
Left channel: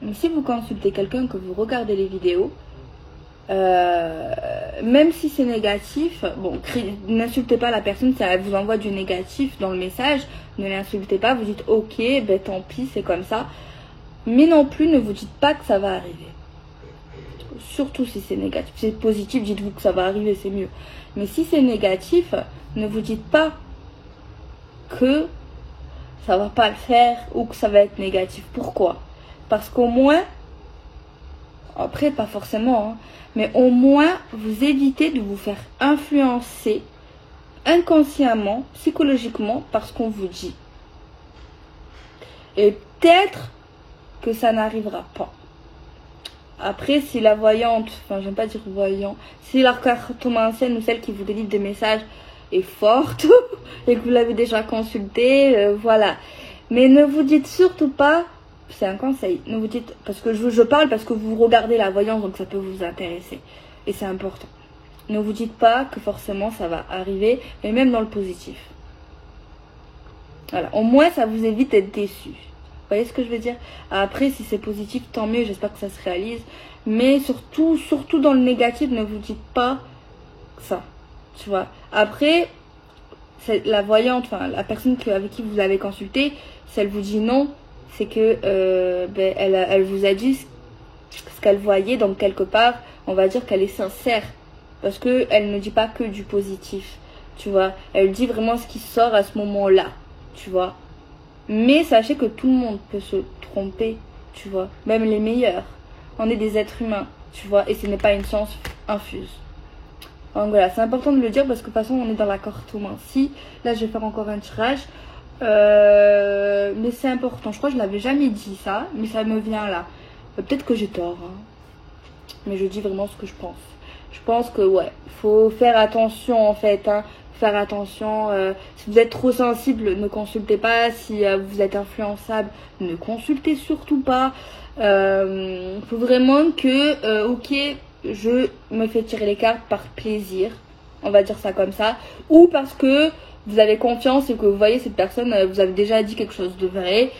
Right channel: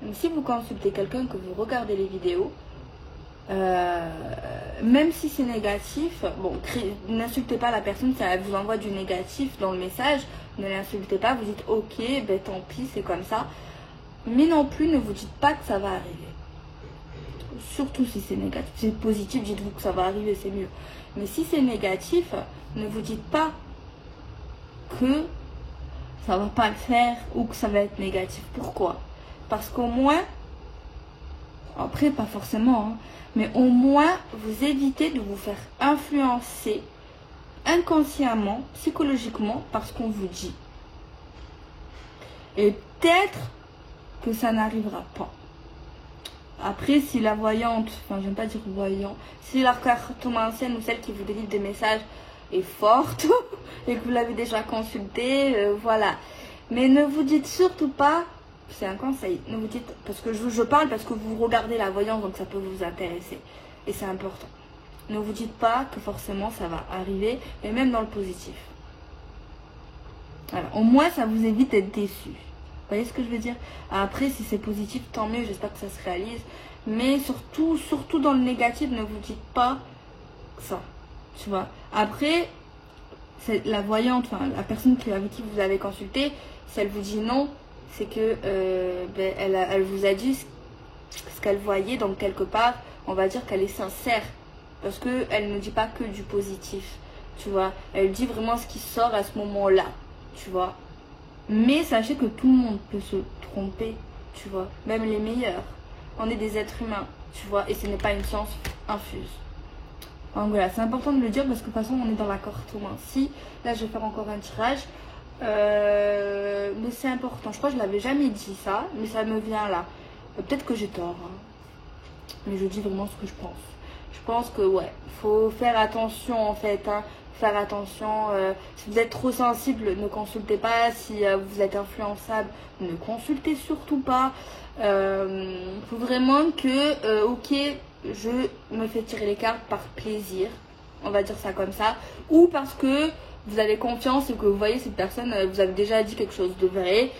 Mais si vous consultez quelqu'un, que vous regardez les vidéos, même si c'est négatif, bon, n'insultez pas la personne si elle vous envoie du négatif dans le message, ne l'insultez pas, vous dites ok, tant pis, c'est comme ça. Mais non plus, ne vous dites pas que ça va arriver. Surtout si c'est négatif. Si c'est positif, dites-vous que ça va arriver, c'est mieux. Mais si c'est négatif, ne vous dites pas que ça va pas le faire ou que ça va être négatif. Pourquoi? Parce qu'au moins, après pas forcément, hein, mais au moins vous évitez de vous faire influencer inconsciemment, psychologiquement par ce qu'on vous dit. Et peut-être que ça n'arrivera pas. Après, si la voyante, enfin j'aime pas dire voyant, si la cartomancienne ou celle qui vous délivre des messages est forte et que vous l'avez déjà consultée, voilà. Mais ne vous dites surtout pas, c'est un conseil, ne vous dites, parce que je parle parce que vous regardez la voyance, donc ça peut vous intéresser. Et c'est important. Ne vous dites pas que forcément ça va arriver, mais même dans le positif. Voilà, au moins ça vous évite d'être déçu. Vous voyez ce que je veux dire? Après, si c'est positif, tant mieux, j'espère que ça se réalise. Mais surtout dans le négatif, ne vous dites pas ça. Tu vois? Après, c'est la voyante, enfin la personne avec qui vous avez consulté, si elle vous dit non, c'est que elle vous a dit ce qu'elle voyait, donc quelque part, on va dire qu'elle est sincère. Parce qu'elle ne dit pas que du positif. Tu vois? Elle dit vraiment ce qui sort à ce moment-là. Tu vois? Mais sachez que tout le monde peut se tromper, tu vois, même les meilleurs. On est des êtres humains, tu vois, et ce n'est pas une science infuse. Donc voilà, c'est important de le dire parce que de toute façon, on est dans la cartomancie. Là, je vais faire encore un tirage. Mais c'est important, je crois que je l'avais jamais dit ça, mais ça me vient là. Peut-être que j'ai tort, hein. Mais je dis vraiment ce que je pense. Je pense que ouais, faut faire attention en fait, hein. Faire attention, si vous êtes trop sensible, ne consultez pas. Si vous êtes influençable, ne consultez surtout pas. Faut vraiment que, ok, je me fais tirer les cartes par plaisir. on va dire ça comme ça, ou parce que vous avez confiance et que vous voyez cette personne, vous avez déjà dit quelque chose de vrai.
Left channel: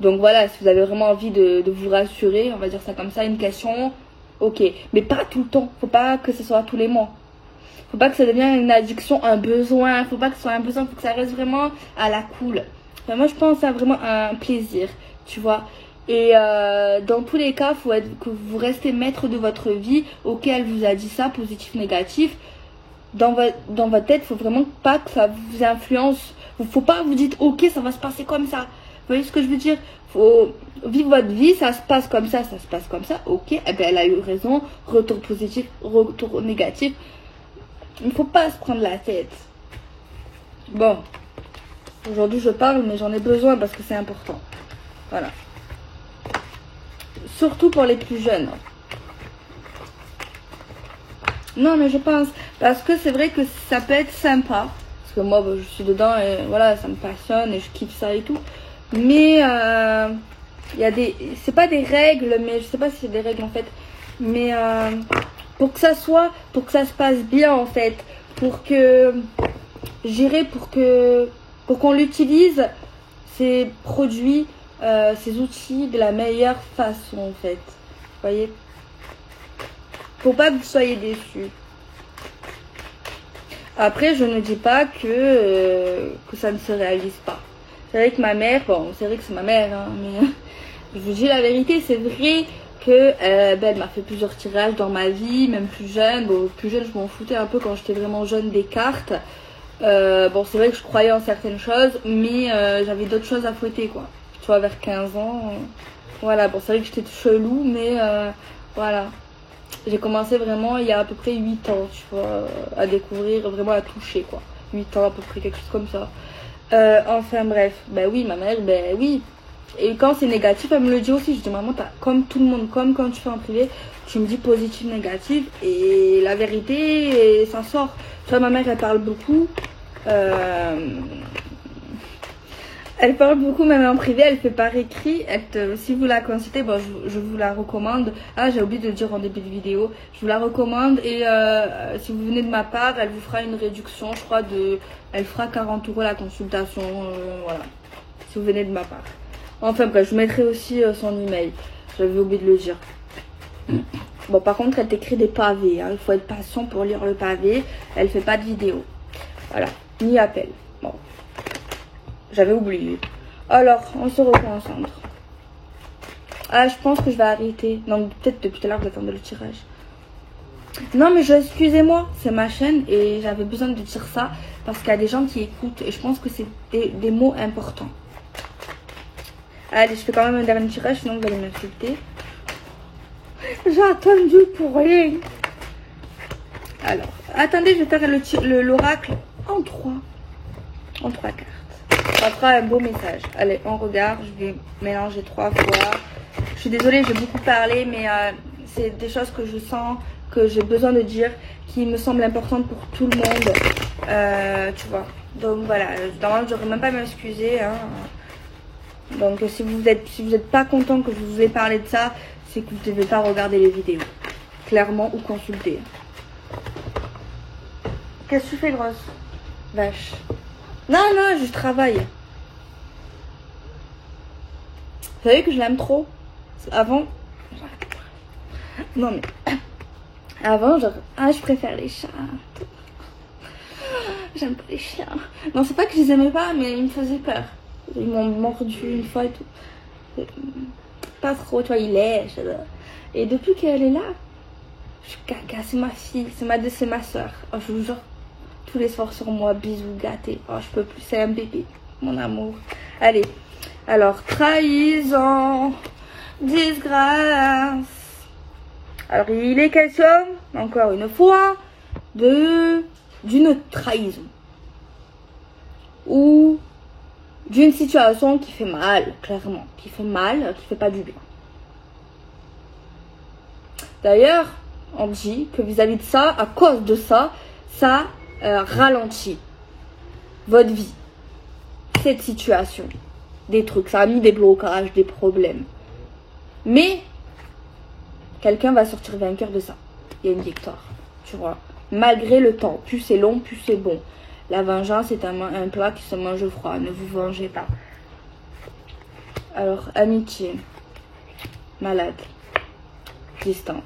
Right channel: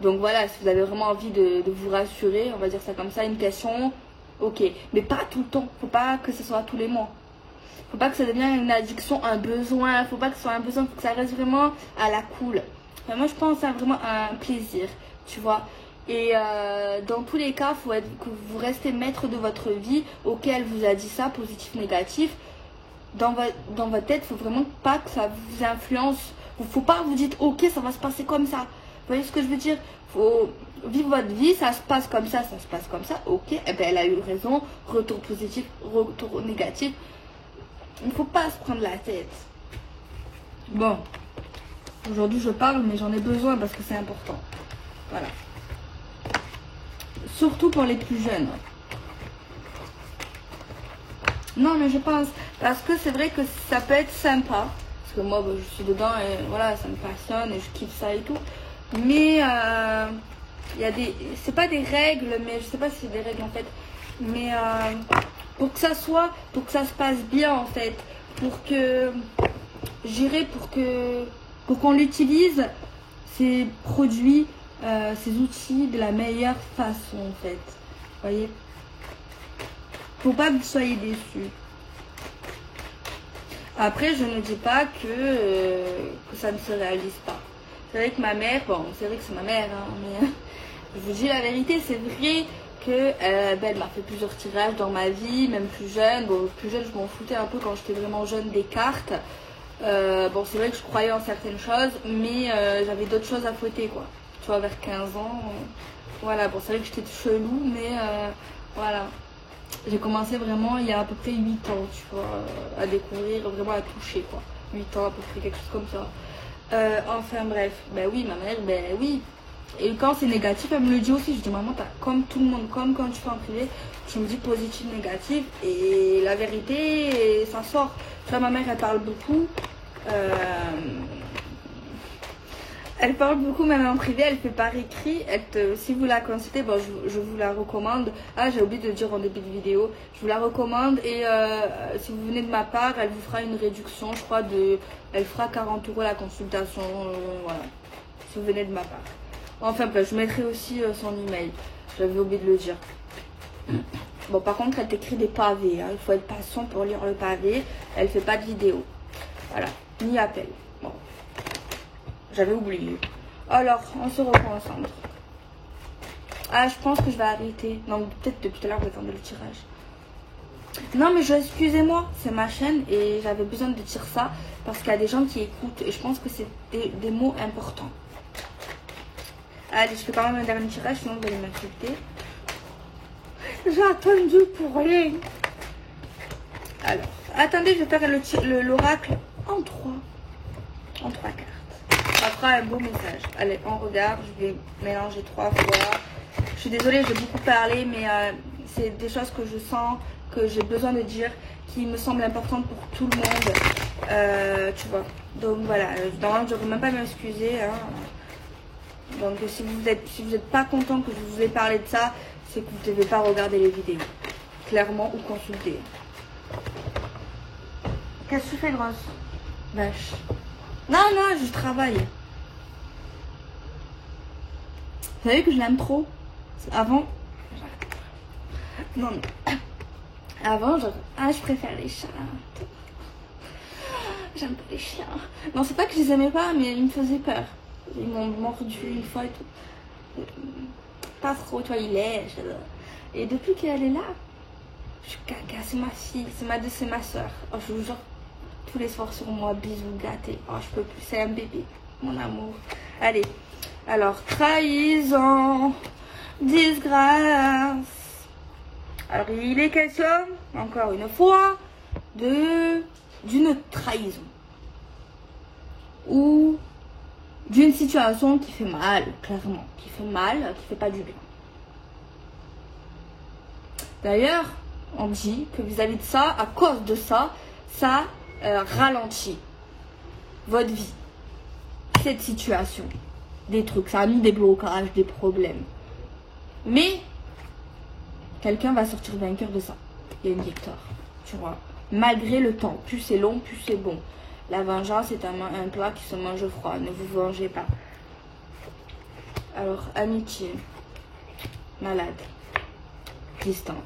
Donc voilà, si vous avez vraiment envie de vous rassurer, on va dire ça comme ça, une question, ok. Mais pas tout le temps, faut pas que ce soit tous les mois. Faut pas que ça devienne une addiction, un besoin, faut pas que ce soit un besoin, faut que ça reste vraiment à la cool. Mais moi je pense à vraiment un plaisir, tu vois. Et dans tous les cas, faut que vous restez maître de votre vie. Ok, elle vous a dit ça, positif, négatif. Dans votre tête, faut vraiment pas que ça vous influence. Faut pas vous dites ok, ça va se passer comme ça. Vous voyez ce que je veux dire? Faut vivre votre vie, ça se passe comme ça, ça se passe comme ça. Ok, eh ben elle a eu raison. Retour positif, retour négatif. Il ne faut pas se prendre la tête. Bon, aujourd'hui je parle, mais j'en ai besoin parce que c'est important. Voilà. Surtout pour les plus jeunes. Non, mais je pense, parce que c'est vrai que ça peut être sympa. Parce que moi, je suis dedans et voilà, ça me passionne et je kiffe ça et tout. Mais il y a des... C'est pas des règles, mais je sais pas si c'est des règles en fait. Mais pour que ça se passe bien en fait. Pour que... J'irai pour qu'on l'utilise, ces produits, ces outils de la meilleure façon en fait. Vous voyez? Faut pas que vous soyez déçus. Après, je ne dis pas que ça ne se réalise pas. C'est vrai que ma mère, bon, c'est vrai que c'est ma mère, hein, mais je vous dis la vérité, c'est vrai que elle m'a fait plusieurs tirages dans ma vie, même plus jeune. Bon, plus jeune, je m'en foutais un peu quand j'étais vraiment jeune des cartes. Bon, c'est vrai que je croyais en certaines choses, mais j'avais d'autres choses à fouetter, quoi. Tu vois, vers 15 ans, voilà. Bon, c'est vrai que j'étais chelou, mais voilà. J'ai commencé vraiment il y a à peu près 8 ans, tu vois, à découvrir, vraiment à toucher, quoi. 8 ans à peu près, quelque chose comme ça. Enfin bref, ben oui, ma mère, ben oui. Et quand c'est négatif, elle me le dit aussi. Je dis, maman, comme tout le monde, comme quand tu fais en privé, tu me dis positif, négatif. Et la vérité, ça sort. Tu vois, ma mère, elle parle beaucoup. Elle parle beaucoup même en privé, elle fait par écrit. Si vous la consultez, bon, je vous la recommande. Ah, j'ai oublié de le dire en début de vidéo. Je vous la recommande et si vous venez de ma part, elle vous fera une réduction, je crois, elle fera 40 € la consultation. Voilà, si vous venez de ma part. Enfin bref, je mettrai aussi son email. J'avais oublié de le dire. Bon, par contre, elle t'écrit des pavés. Hein. Il faut être patient pour lire le pavé. Elle fait pas de vidéo. Voilà, ni appel. Bon. J'avais oublié. Alors, on se reconcentre. Ah, je pense que je vais arrêter. Non, peut-être depuis tout à l'heure, je vais attendre le tirage. Non, mais excusez-moi, c'est ma chaîne et j'avais besoin de dire ça parce qu'il y a des gens qui écoutent et je pense que c'est des mots importants. Allez, je fais quand même un dernier tirage, sinon vous allez m'insulter. J'ai attendu pour rien. Alors, attendez, je vais faire l'oracle en 3 cartes. Ça fera un beau message. Allez, on regarde. Je vais mélanger 3 fois. Je suis désolée, j'ai beaucoup parlé, mais c'est des choses que je sens, que j'ai besoin de dire, qui me semblent importantes pour tout le monde. Tu vois. Donc voilà. Normalement, je n'aurais même pas à m'excuser. Hein. Donc si vous êtes pas content que je vous ai parlé de ça, c'est que vous ne devez pas regarder les vidéos. Clairement, ou consulter. Qu'est-ce que tu fais, grosse vache? Non, non, je travaille. Vous savez que je l'aime trop. Avant... Non, mais... Avant, genre... Ah, je préfère les chats. J'aime pas les chiens. Non, c'est pas que je les aimais pas, mais ils me faisaient peur. Ils m'ont mordu une fois et tout. Pas trop, tu vois, ils lèchent. Et depuis qu'elle est là, je suis caca, c'est ma fille. C'est ma soeur. Oh, je vous jure. Tous les soirs sur moi, bisous gâtés. Oh, je peux plus, c'est un bébé, mon amour. Allez, alors, trahison, disgrâce. Alors, il est question, encore une fois, d'une trahison. Ou d'une situation qui fait mal, clairement. Qui fait mal, qui fait pas du bien. D'ailleurs, on dit que vis-à-vis de ça, à cause de ça, ça ralentit votre vie, cette situation, des trucs, ça a mis des blocages, des problèmes, mais quelqu'un va sortir vainqueur de ça. Il y a une victoire, tu vois, malgré le temps. Plus c'est long, plus c'est bon. La vengeance est un plat qui se mange froid. Ne vous vengez pas. Alors, amitié, malade, distance.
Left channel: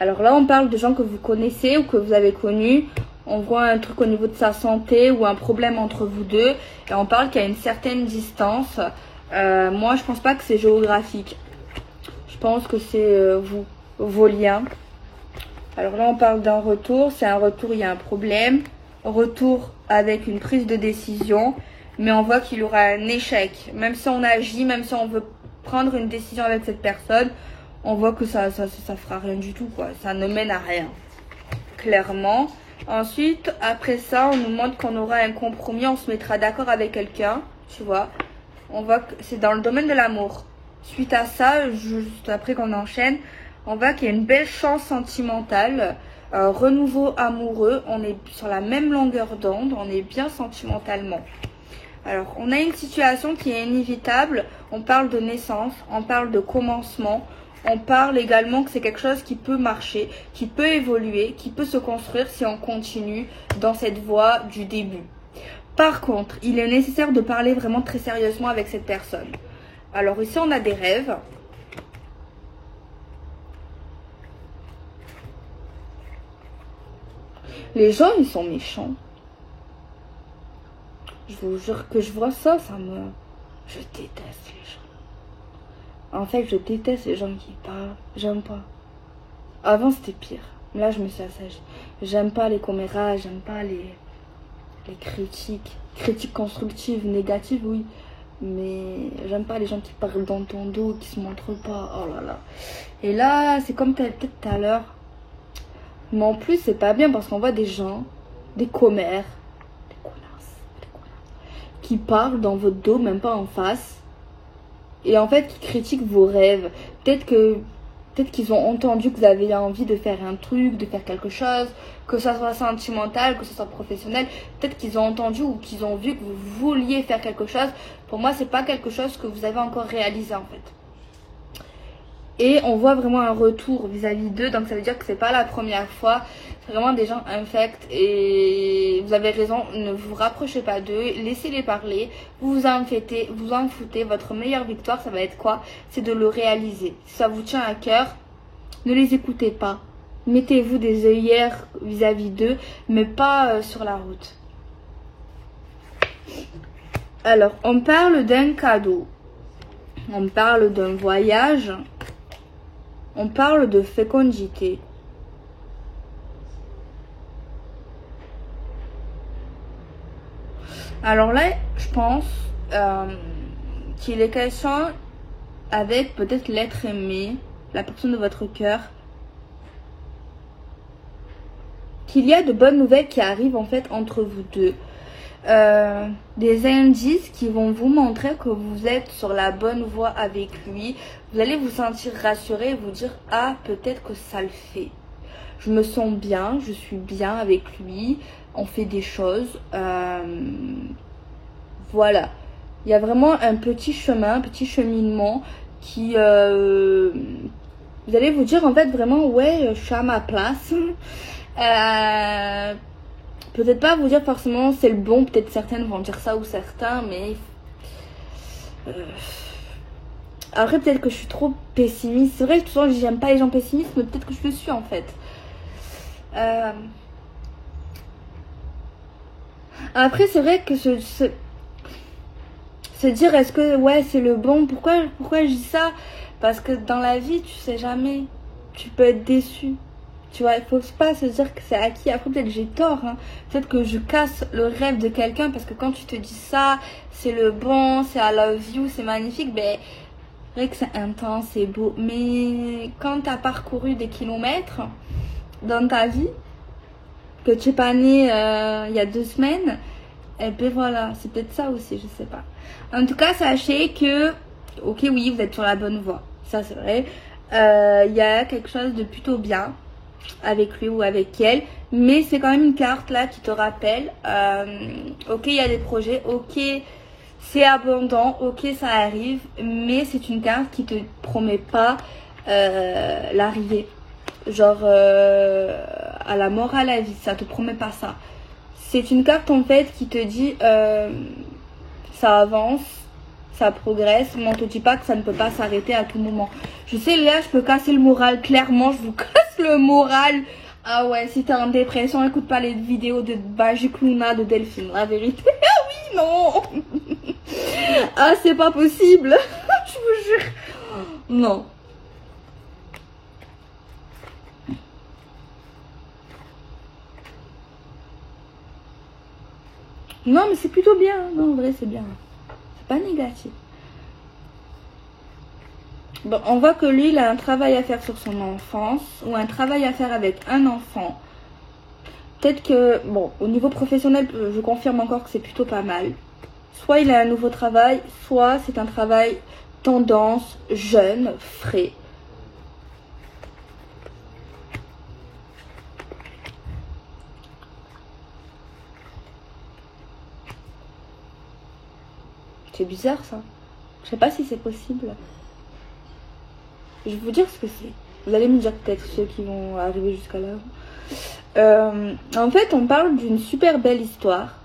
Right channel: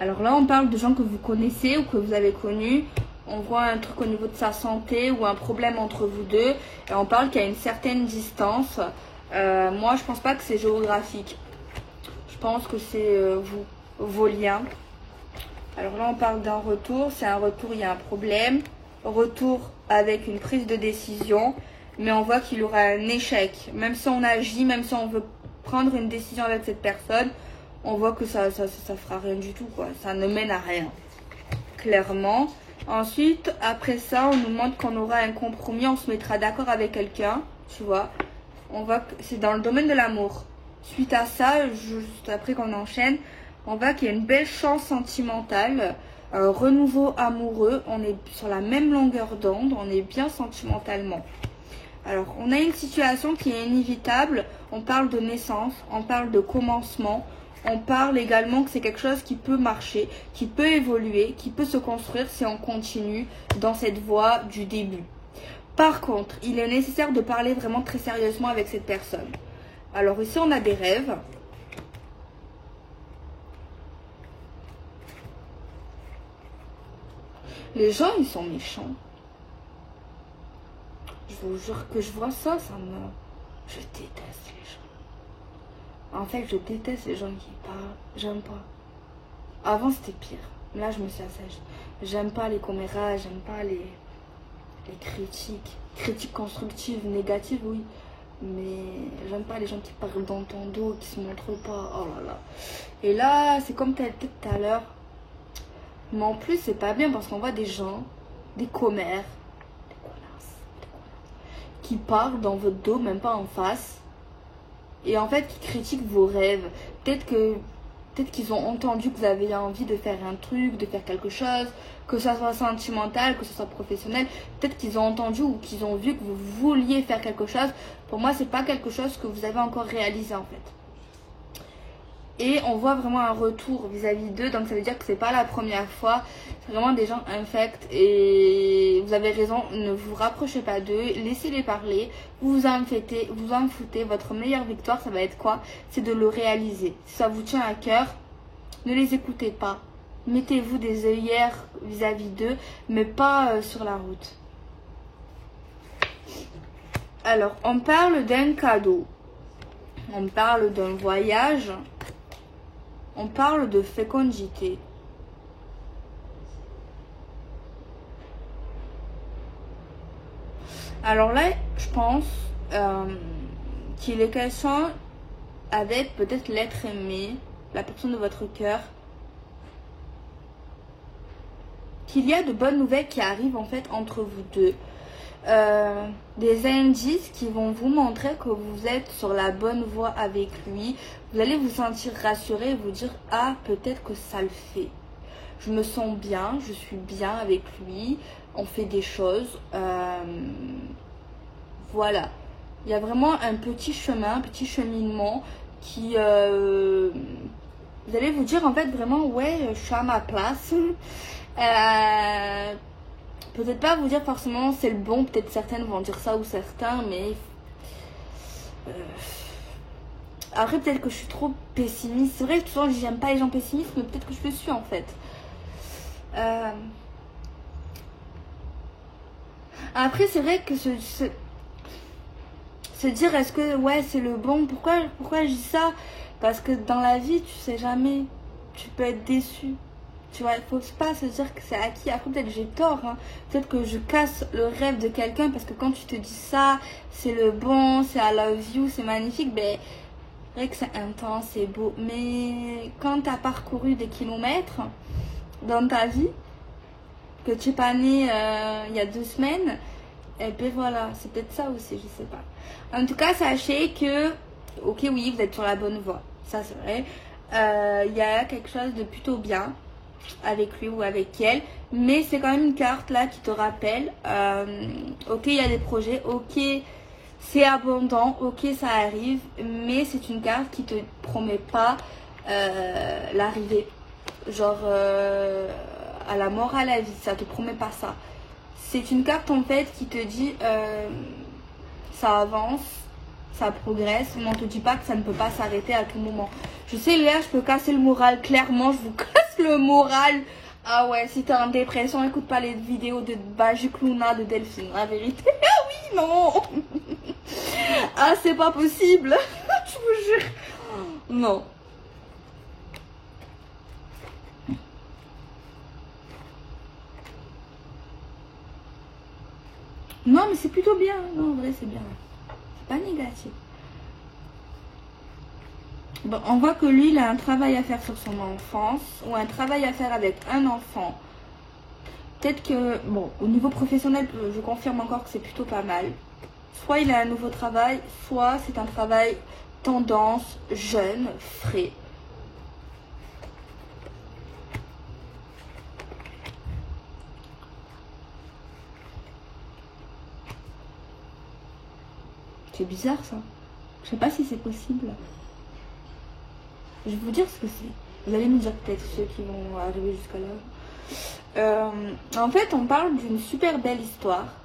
Alors là, on parle de gens que vous connaissez ou que vous avez connus. On voit un truc au niveau de sa santé ou un problème entre vous deux. Et on parle qu'il y a une certaine distance. Moi, je pense pas que c'est géographique. Je pense que c'est vos liens. Alors là, on parle d'un retour. C'est un retour, il y a un problème. Retour avec une prise de décision. Mais on voit qu'il y aura un échec. Même si on agit, même si on veut prendre une décision avec cette personne, on voit que ça fera rien du tout, quoi. Ça ne mène à rien. Clairement. Ensuite, après ça, on nous montre qu'on aura un compromis. On se mettra d'accord avec quelqu'un. Tu vois. On voit que c'est dans le domaine de l'amour. Suite à ça, juste après qu'on enchaîne, on voit qu'il y a une belle chance sentimentale. Un renouveau amoureux. On est sur la même longueur d'onde. On est bien sentimentalement. Alors, on a une situation qui est inévitable. On parle de naissance, on parle de commencement. On parle également que c'est quelque chose qui peut marcher, qui peut évoluer, qui peut se construire si on continue dans cette voie du début. Par contre, il est nécessaire de parler vraiment très sérieusement avec cette personne. Alors ici, on a des rêves. Les gens, ils sont méchants. Je vous jure que je vois ça, je déteste les gens. En fait, je déteste les gens qui parlent. J'aime pas. Avant, c'était pire. Là, je me suis assagie. J'aime pas les commérages, j'aime pas les critiques. Critiques constructives, négatives, oui. Mais j'aime pas les gens qui parlent dans ton dos, qui se montrent pas. Oh là là. Et là, c'est comme peut-être tout à l'heure. Mais en plus, c'est pas bien parce qu'on voit des gens, des commères, qui parlent dans votre dos, même pas en face, et en fait qui critiquent vos rêves. Peut-être qu'ils ont entendu que vous avez envie de faire un truc, de faire quelque chose, que ça soit sentimental, que ce soit professionnel. Peut-être qu'ils ont entendu ou qu'ils ont vu que vous vouliez faire quelque chose. Pour moi, c'est pas quelque chose que vous avez encore réalisé en fait. Et on voit vraiment un retour vis-à-vis d'eux. Donc ça veut dire que c'est pas la première fois. C'est vraiment des gens infects. Et vous avez raison, ne vous rapprochez pas d'eux. Laissez-les parler. Vous en foutez. Votre meilleure victoire, ça va être quoi? C'est de le réaliser. Si ça vous tient à cœur, ne les écoutez pas. Mettez-vous des œillères vis-à-vis d'eux, mais pas sur la route. Alors, on parle d'un cadeau. On parle d'un voyage. On parle de fécondité. Alors là, je pense qu'il est question avec peut-être l'être aimé, la personne de votre cœur, qu'il y a de bonnes nouvelles qui arrivent en fait entre vous deux. Des indices qui vont vous montrer que vous êtes sur la bonne voie avec lui. Vous allez vous sentir rassuré et vous dire « Ah, peut-être que ça le fait. Je me sens bien, je suis bien avec lui. On fait des choses. » Voilà. Il y a vraiment un petit chemin, un petit cheminement qui... vous allez vous dire en fait vraiment « Ouais, je suis à ma place. » Peut-être pas vous dire forcément c'est le bon, peut-être certaines vont dire ça ou certains, mais après peut-être que je suis trop pessimiste. C'est vrai que souvent j'aime pas les gens pessimistes, mais peut-être que je le suis en fait. Après c'est vrai que se dire est-ce que ouais c'est le bon, pourquoi je dis ça? Parce que dans la vie tu sais jamais, tu peux être déçu. Tu vois, il faut pas se dire que c'est acquis. Après, peut-être que j'ai tort. Hein. Peut-être que je casse le rêve de quelqu'un parce que quand tu te dis ça, c'est le bon, c'est I love you, c'est magnifique. Ben, c'est vrai que c'est intense, c'est beau. Mais quand tu as parcouru des kilomètres dans ta vie, que tu n'es pas né il y a 2 semaines, et ben voilà, c'est peut-être ça aussi, je sais pas. En tout cas, sachez que, ok, oui, vous êtes sur la bonne voie. Ça, c'est vrai. Il y a quelque chose de plutôt bien avec lui ou avec elle, mais c'est quand même une carte là qui te rappelle ok, il y a des projets, ok, c'est abondant, ok, ça arrive, mais c'est une carte qui te promet pas l'arrivée, genre à la mort, à la vie. Ça te promet pas ça. C'est une carte en fait qui te dit ça avance, ça progresse, mais on te dit pas que ça ne peut pas s'arrêter à tout moment. Je sais Léa, je peux casser le moral, clairement, je vous casse le moral. Ah ouais, si t'es en dépression, écoute pas les vidéos de Magic Luna de Delphine, la vérité. Ah oui, non. Ah, c'est pas possible. Je vous jure. Non. Non, mais c'est plutôt bien. Non, en vrai, c'est bien. C'est pas négatif. Bon, on voit que lui, il a un travail à faire sur son enfance ou un travail à faire avec un enfant. Peut-être que, bon, au niveau professionnel, je confirme encore que c'est plutôt pas mal. Soit il a un nouveau travail, soit c'est un travail tendance, jeune, frais. C'est bizarre ça. Je sais pas si c'est possible. Je vais vous dire ce que c'est. Vous allez me dire peut-être ceux qui vont arriver jusqu'à là. En fait, on parle d'une super belle histoire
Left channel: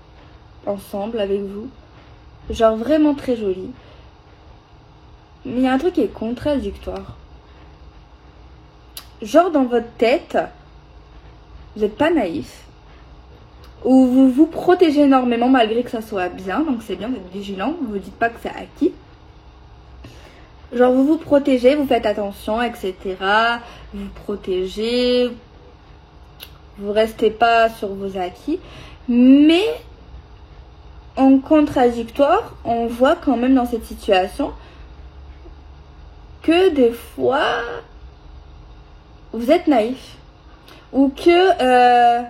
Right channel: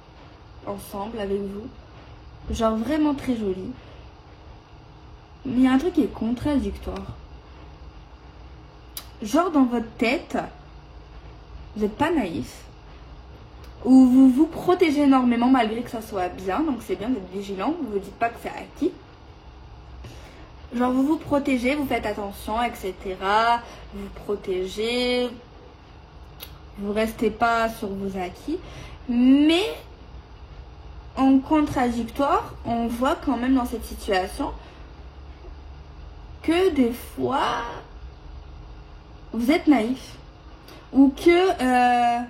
ensemble avec vous. Genre vraiment très jolie. Mais il y a un truc qui est contradictoire. Genre dans votre tête, vous n'êtes pas naïf. Ou vous vous protégez énormément malgré que ça soit bien. Donc c'est bien d'être vigilant. Vous ne vous dites pas que c'est acquis. Genre vous vous protégez, vous faites attention, etc. Vous protégez. Vous restez pas sur vos acquis. Mais en contradictoire, on voit quand même dans cette situation que des fois vous êtes naïf. Ou que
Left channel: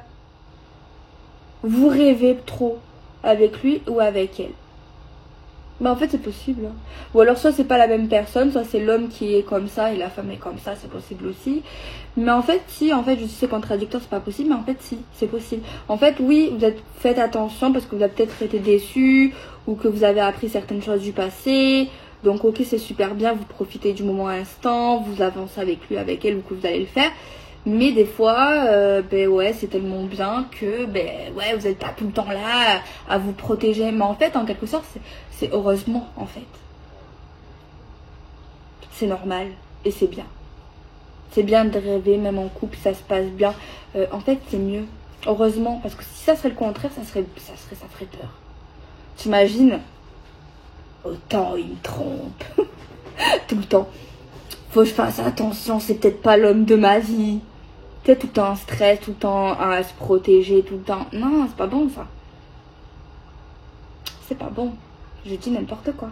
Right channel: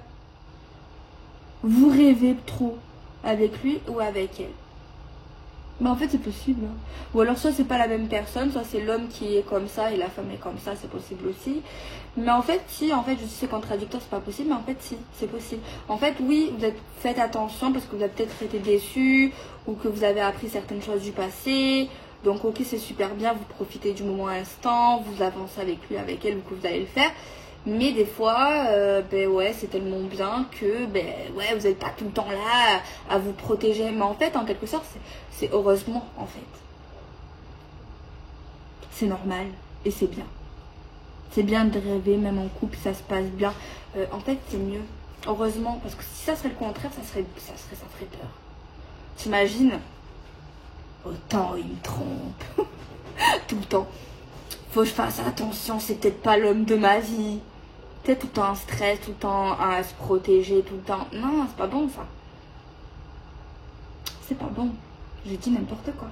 vous rêvez trop avec lui ou avec elle. Bah en fait c'est possible. Hein. Ou alors soit c'est pas la même personne, soit c'est l'homme qui est comme ça et la femme est comme ça, c'est possible aussi. Mais en fait si, en fait je sais c'est contradictoire, c'est pas possible, mais en fait si, c'est possible. En fait oui, faites attention parce que vous avez peut-être été déçu ou que vous avez appris certaines choses du passé. Donc ok c'est super bien, vous profitez du moment instant, vous avancez avec lui, avec elle ou que vous allez le faire. Mais des fois, ben ouais, c'est tellement bien que, ben ouais, vous n'êtes pas tout le temps là à vous protéger. Mais en fait, en quelque sorte, c'est heureusement, en fait. C'est normal et c'est bien. C'est bien de rêver, même en couple, ça se passe bien. En fait, c'est mieux. Heureusement, parce que si ça serait le contraire, ça ferait peur. T'imagines? Autant il me trompe. Tout le temps. Faut que je fasse attention, c'est peut-être pas l'homme de ma vie. Peut-être tout le temps en stress, tout le temps à se protéger, tout le temps. Non, c'est pas bon ça. C'est pas bon. Je dis n'importe quoi.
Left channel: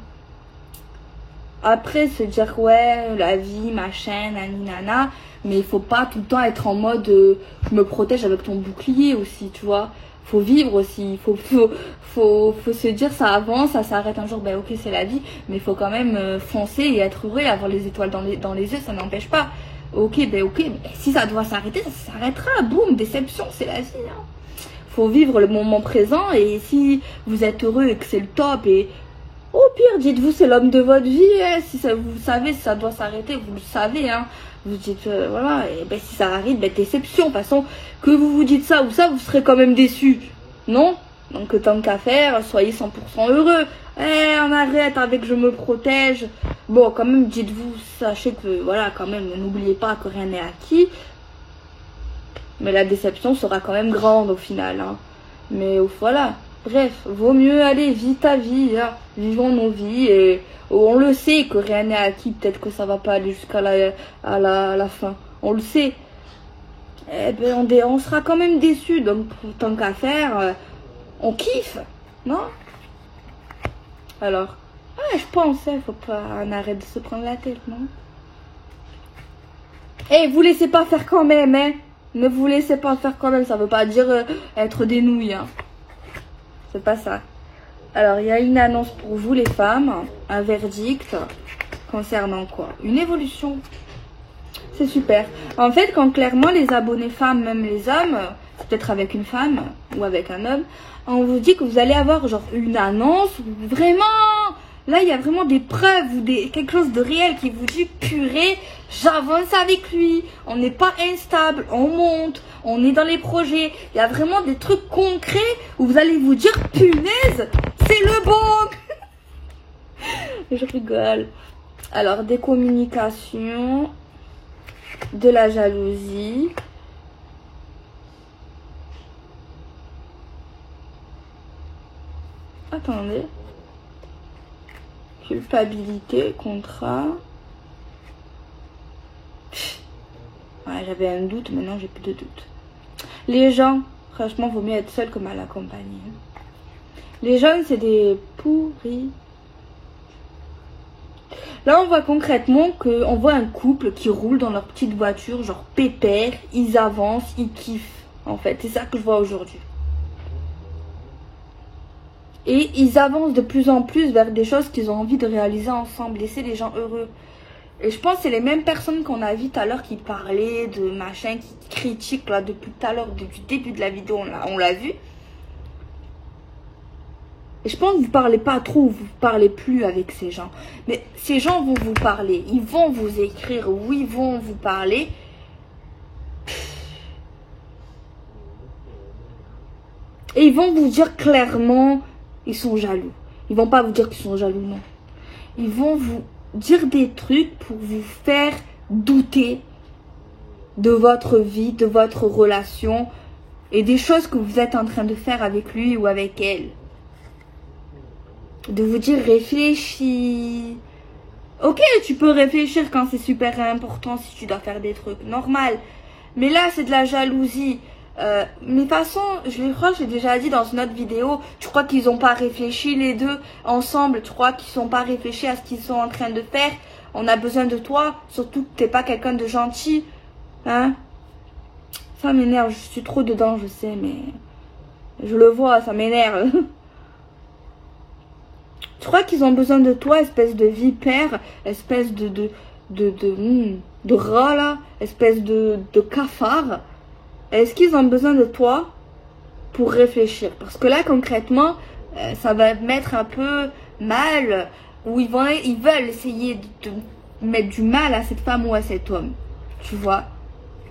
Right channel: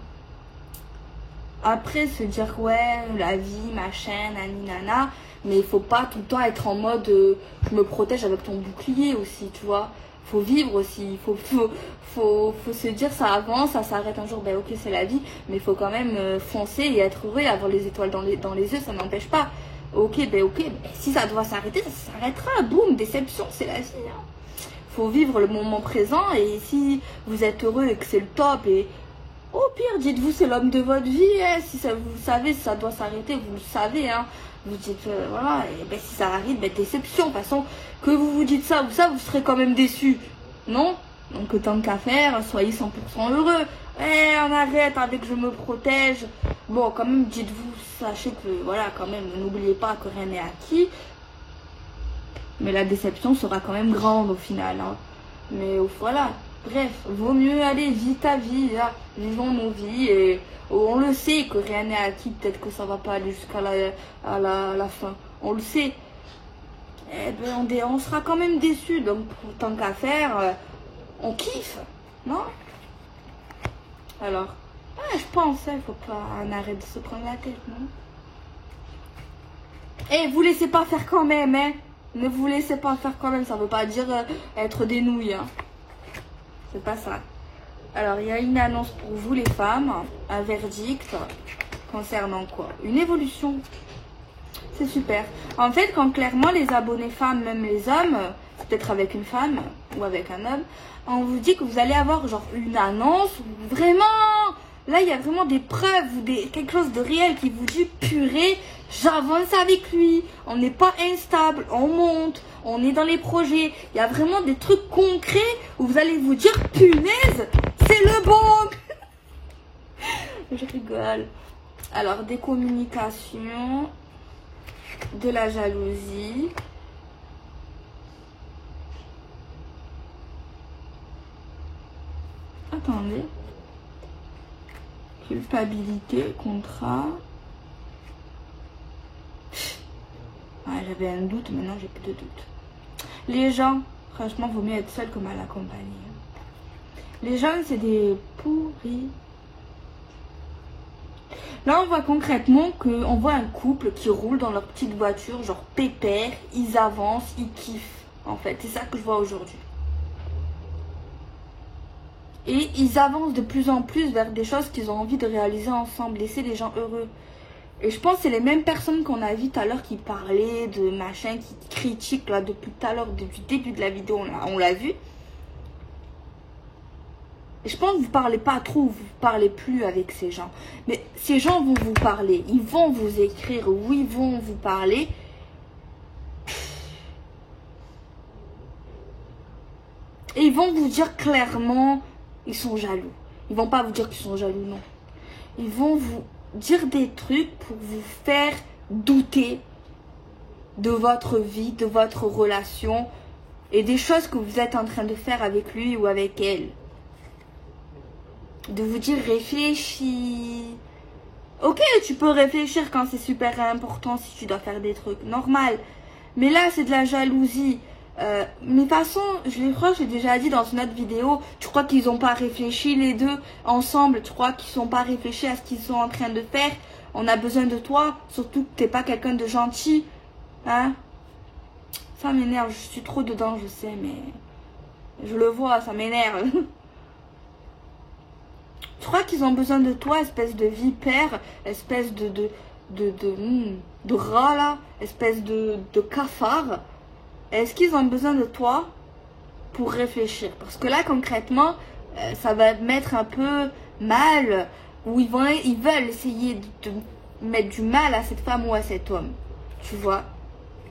Après, se dire ouais, la vie, machin, naninana. Mais il faut pas tout le temps être en mode je me protège avec ton bouclier aussi, tu vois. Faut vivre aussi. Faut se dire ça avance, ça s'arrête un jour, ben ok, c'est la vie. Mais il faut quand même foncer et être heureux et avoir les étoiles dans les yeux, ça n'empêche pas. Ok, ben ok, mais si ça doit s'arrêter, ça s'arrêtera. Boum, déception, c'est la vie. Hein. Faut vivre le moment présent et si vous êtes heureux et que c'est le top et au pire, dites-vous c'est l'homme de votre vie. Hein. Si ça, vous savez, si ça doit s'arrêter, vous le savez. Hein. Vous dites, voilà, et ben si ça arrive, ben déception. De toute façon, que vous dites ça ou ça, vous serez quand même déçu. Non? Donc tant qu'à faire, soyez 100% heureux. On arrête avec je me protège. Bon, quand même, dites-vous, sachez que, voilà, quand même, n'oubliez pas que rien n'est acquis. Mais la déception sera quand même grande au final. Hein. Mais voilà, bref, vaut mieux aller, vis ta vie, hein. Vivons nos vies et on le sait que rien n'est acquis. Peut-être que ça va pas aller jusqu'à la fin. On le sait. Eh ben, on sera quand même déçus. Donc, tant qu'à faire, on kiffe, non? Alors, je pense, faut pas on arrête de se prendre la tête, non? Vous laissez pas faire quand même, hein? Ne vous laissez pas faire quand même, ça veut pas dire être des nouilles, hein. C'est pas ça. Alors, il y a une annonce pour vous les femmes, un verdict concernant quoi? Une évolution. C'est super. En fait, quand clairement les abonnés femmes, même les hommes, c'est peut-être avec une femme ou avec un homme, on vous dit que vous allez avoir genre une annonce vraiment Là, il y a vraiment des preuves ou quelque chose de réel qui vous dit, purée, j'avance avec lui. On n'est pas instable, on monte, on est dans les projets. Il y a vraiment des trucs concrets où vous allez vous dire, punaise, c'est le bon. Je rigole. Alors, des communications, de la jalousie. Attendez. Culpabilité, contrat. Ouais, j'avais un doute, maintenant j'ai plus de doute. Les gens, franchement, vaut mieux être seul que mal accompagné. Les gens, c'est des pourris. Là, on voit concrètement qu'on voit un couple qui roule dans leur petite voiture, genre pépère, ils avancent, ils kiffent. En fait, c'est ça que je vois aujourd'hui. Et ils avancent de plus en plus vers des choses qu'ils ont envie de réaliser ensemble, laisser les gens heureux. Et je pense que c'est les mêmes personnes qu'on a vues tout à l'heure qui parlaient de machin, qui critiquent là depuis tout à l'heure, depuis le début de la vidéo, on l'a vu. Et je pense que vous ne parlez pas trop, vous ne parlez plus avec ces gens. Mais ces gens vont vous parler, ils vont vous écrire, ou ils vont vous parler. Et ils vont vous dire clairement, ils sont jaloux. Ils vont pas vous dire qu'ils sont jaloux, non. Ils vont vous dire des trucs pour vous faire douter de votre vie, de votre relation et des choses que vous êtes en train de faire avec lui ou avec elle. De vous dire réfléchis. Ok, tu peux réfléchir quand c'est super important, si tu dois faire des trucs, normal. Mais là, c'est de la jalousie. Mais de toute façon, j'ai déjà dit dans une autre vidéo, tu crois qu'ils n'ont pas réfléchi les deux ensemble, tu crois qu'ils n'ont pas réfléchi à ce qu'ils sont en train de faire. On a besoin de toi, surtout que t'es pas quelqu'un de gentil. Hein? Ça m'énerve, je suis trop dedans, je sais, mais je le vois, ça m'énerve. Tu crois qu'ils ont besoin de toi, espèce de vipère, espèce de rat là, espèce de cafard. Est-ce qu'ils ont besoin de toi pour réfléchir? Parce que là, concrètement, ça va te mettre un peu mal, ou ils veulent essayer de mettre du mal à cette femme ou à cet homme. Tu vois?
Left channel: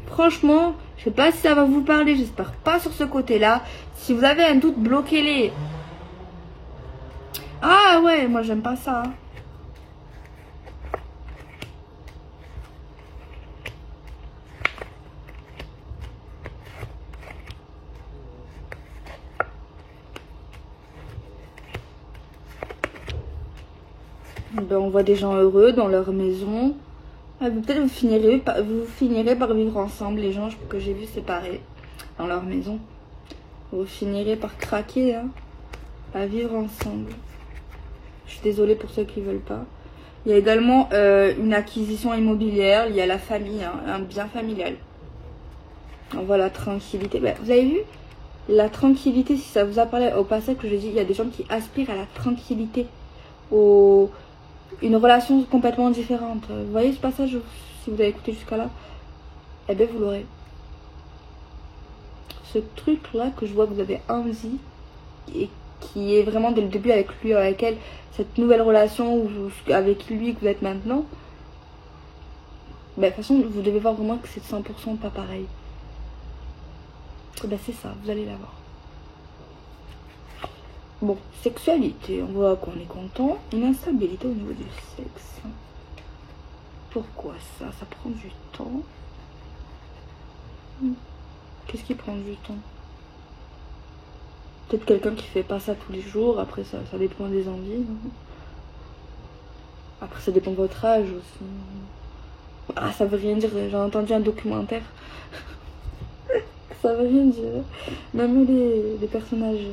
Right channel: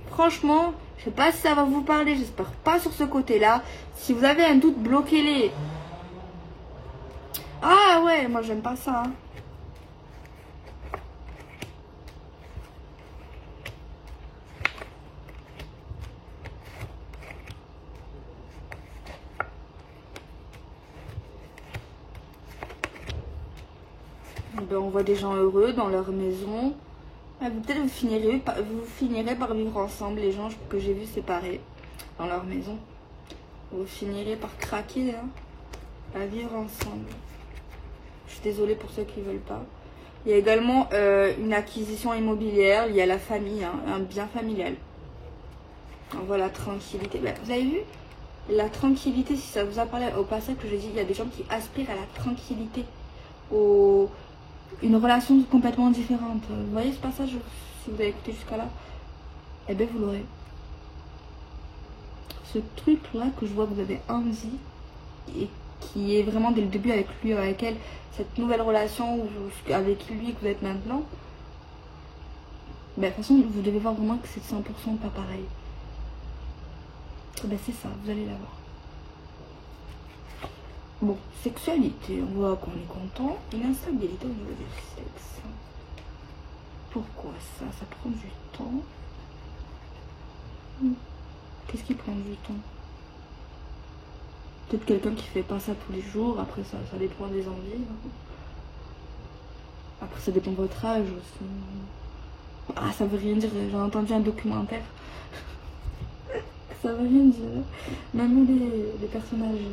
Franchement, je sais pas si ça va vous parler, j'espère pas sur ce côté-là. Si vous avez un doute, bloquez-les. Ah ouais, moi j'aime pas ça. Ben, on voit des gens heureux dans leur maison. Peut-être vous finirez par vivre ensemble, les gens que j'ai vus séparés dans leur maison. Vous finirez par craquer, hein, à vivre ensemble. Je suis désolée pour ceux qui ne veulent pas. Il y a également une acquisition immobilière liée à la famille, hein, un bien familial. On voit la tranquillité. Ben, vous avez vu? La tranquillité, si ça vous a parlé au passage que je dis, il y a des gens qui aspirent à la tranquillité, une relation complètement différente. Vous voyez ce passage, si vous avez écouté jusqu'à là? Eh bien, vous l'aurez. Ce truc-là que je vois que vous avez envie, et qui est vraiment dès le début avec lui, avec elle, cette nouvelle relation avec lui que vous êtes maintenant, ben, de toute façon, vous devez voir vraiment que c'est 100% pas pareil. Ben, c'est ça, vous allez la voir. Bon, sexualité, on voit qu'on est content. Une instabilité au niveau du sexe. Pourquoi ça? Ça prend du temps. Qu'est-ce qui prend du temps? Peut-être quelqu'un qui fait pas ça tous les jours. Après, ça dépend des envies. Non? Après, ça dépend de votre âge aussi. Ah, ça veut rien dire. J'ai entendu un documentaire. Ça veut rien dire. Même les personnages.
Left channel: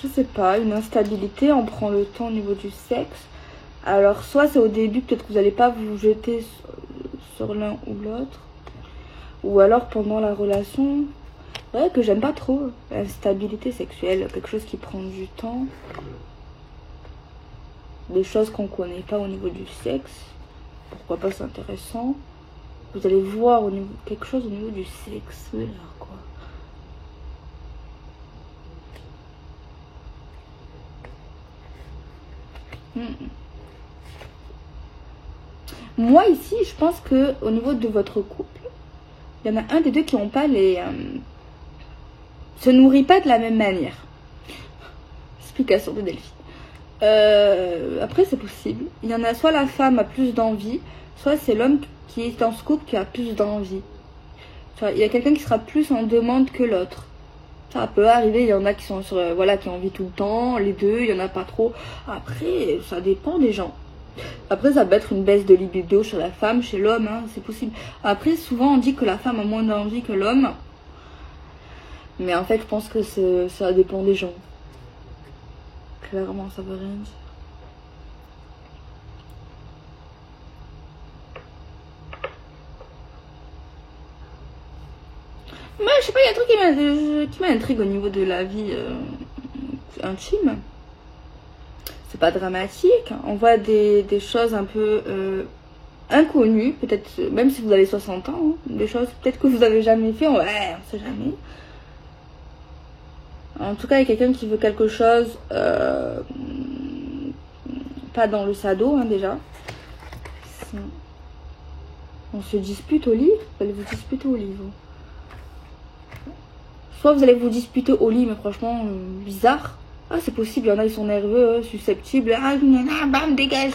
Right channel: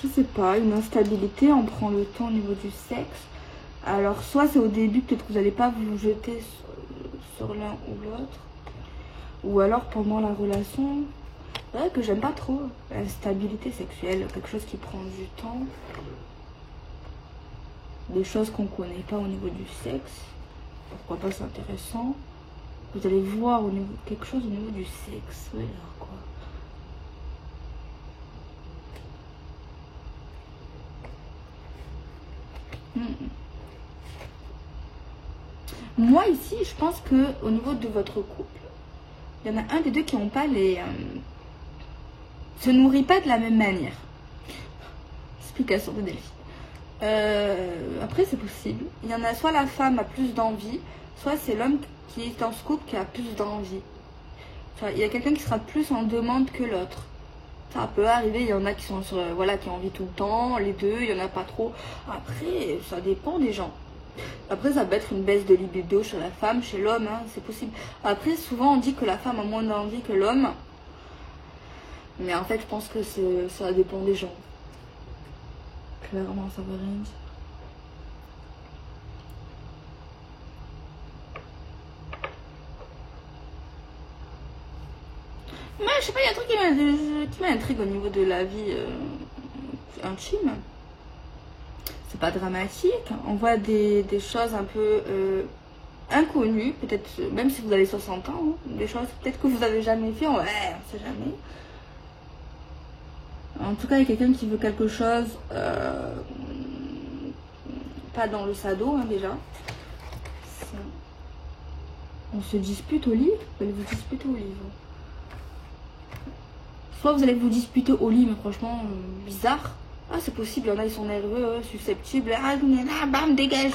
Je sais pas, une instabilité, on prend le temps au niveau du sexe. Alors, soit c'est au début, peut-être que vous n'allez pas vous jeter sur l'un ou l'autre. Ou alors pendant la relation, ouais, que j'aime pas trop. Instabilité sexuelle, quelque chose qui prend du temps. Des choses qu'on connaît pas au niveau du sexe. Pourquoi pas, c'est intéressant. Vous allez voir quelque chose au niveau du sexe. Voilà, quoi. Moi ici, je pense que au niveau de votre couple, il y en a un des deux qui n'ont pas les... se nourrit pas de la même manière. Explication de Delphine. Après c'est possible. Il y en a soit la femme a plus d'envie, soit c'est l'homme qui est dans ce couple qui a plus d'envie. Il y a quelqu'un qui sera plus en demande que l'autre. Ça peut arriver, il y en a qui sont sur, voilà, qui ont envie tout le temps, les deux, il y en a pas trop. Après, ça dépend des gens. Après, ça peut être une baisse de libido chez la femme, chez l'homme, hein, c'est possible. Après, souvent on dit que la femme a moins d'envie que l'homme. Mais en fait, je pense que ça dépend des gens. Clairement, ça veut rien dire. Mais je sais pas, il y a un truc qui m'intrigue au niveau de la vie intime. C'est pas dramatique. On voit des choses un peu inconnues, peut-être, même si vous avez 60 ans, hein, des choses peut-être que vous avez jamais fait, ouais, on sait jamais. En tout cas, il y a quelqu'un qui veut quelque chose, pas dans le sado, hein, déjà. On se dispute au lit, vous allez vous disputer au lit. Soit vous allez vous disputer au lit, mais franchement, bizarre. Ah, c'est possible, il y en a, ils sont nerveux, susceptibles. Ah, bam, dégage.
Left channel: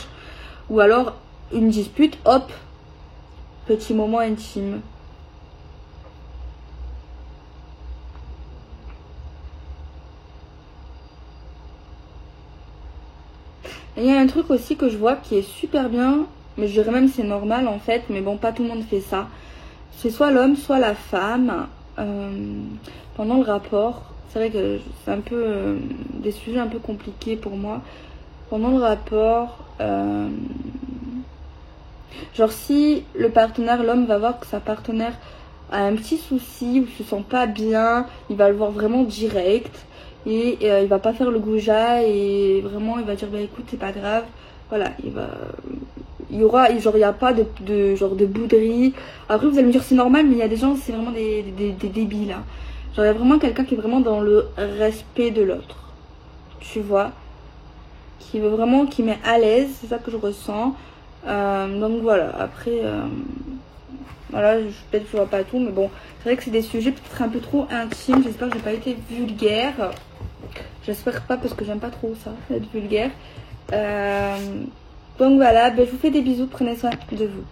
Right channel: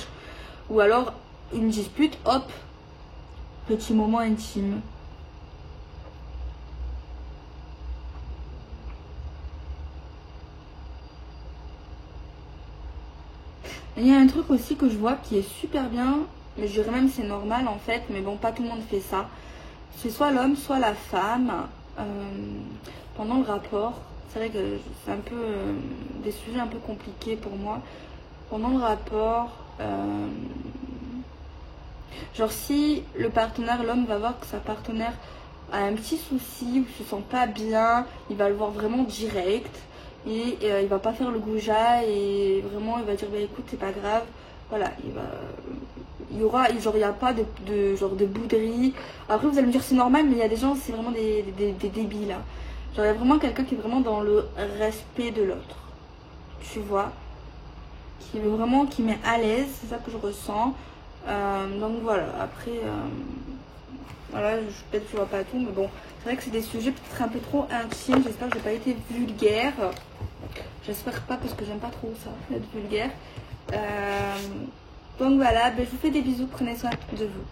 Ou alors, une dispute, hop, petit moment intime. Il y a un truc aussi que je vois qui est super bien, mais je dirais même c'est normal en fait, mais bon, pas tout le monde fait ça. C'est soit l'homme, soit la femme, pendant le rapport. C'est vrai que c'est un peu des sujets un peu compliqués pour moi. Pendant le rapport, genre si le partenaire, l'homme va voir que sa partenaire a un petit souci ou se sent pas bien, il va le voir vraiment direct. Et il va pas faire le goujat et vraiment il va dire bah écoute c'est pas grave, voilà, il y aura genre il y a pas genre de bouderie. Après vous allez me dire c'est normal, mais il y a des gens c'est vraiment des débiles là. Genre il y a vraiment quelqu'un qui est vraiment dans le respect de l'autre, tu vois, qui veut vraiment, qui met à l'aise, c'est ça que je ressens. Donc voilà, après voilà, peut-être que je vois pas tout, mais bon, c'est vrai que c'est des sujets peut-être un peu trop intimes. J'espère que j'ai pas été vulgaire. J'espère pas parce que j'aime pas trop ça, être vulgaire. Donc voilà, ben, je vous fais des bisous, prenez soin de vous.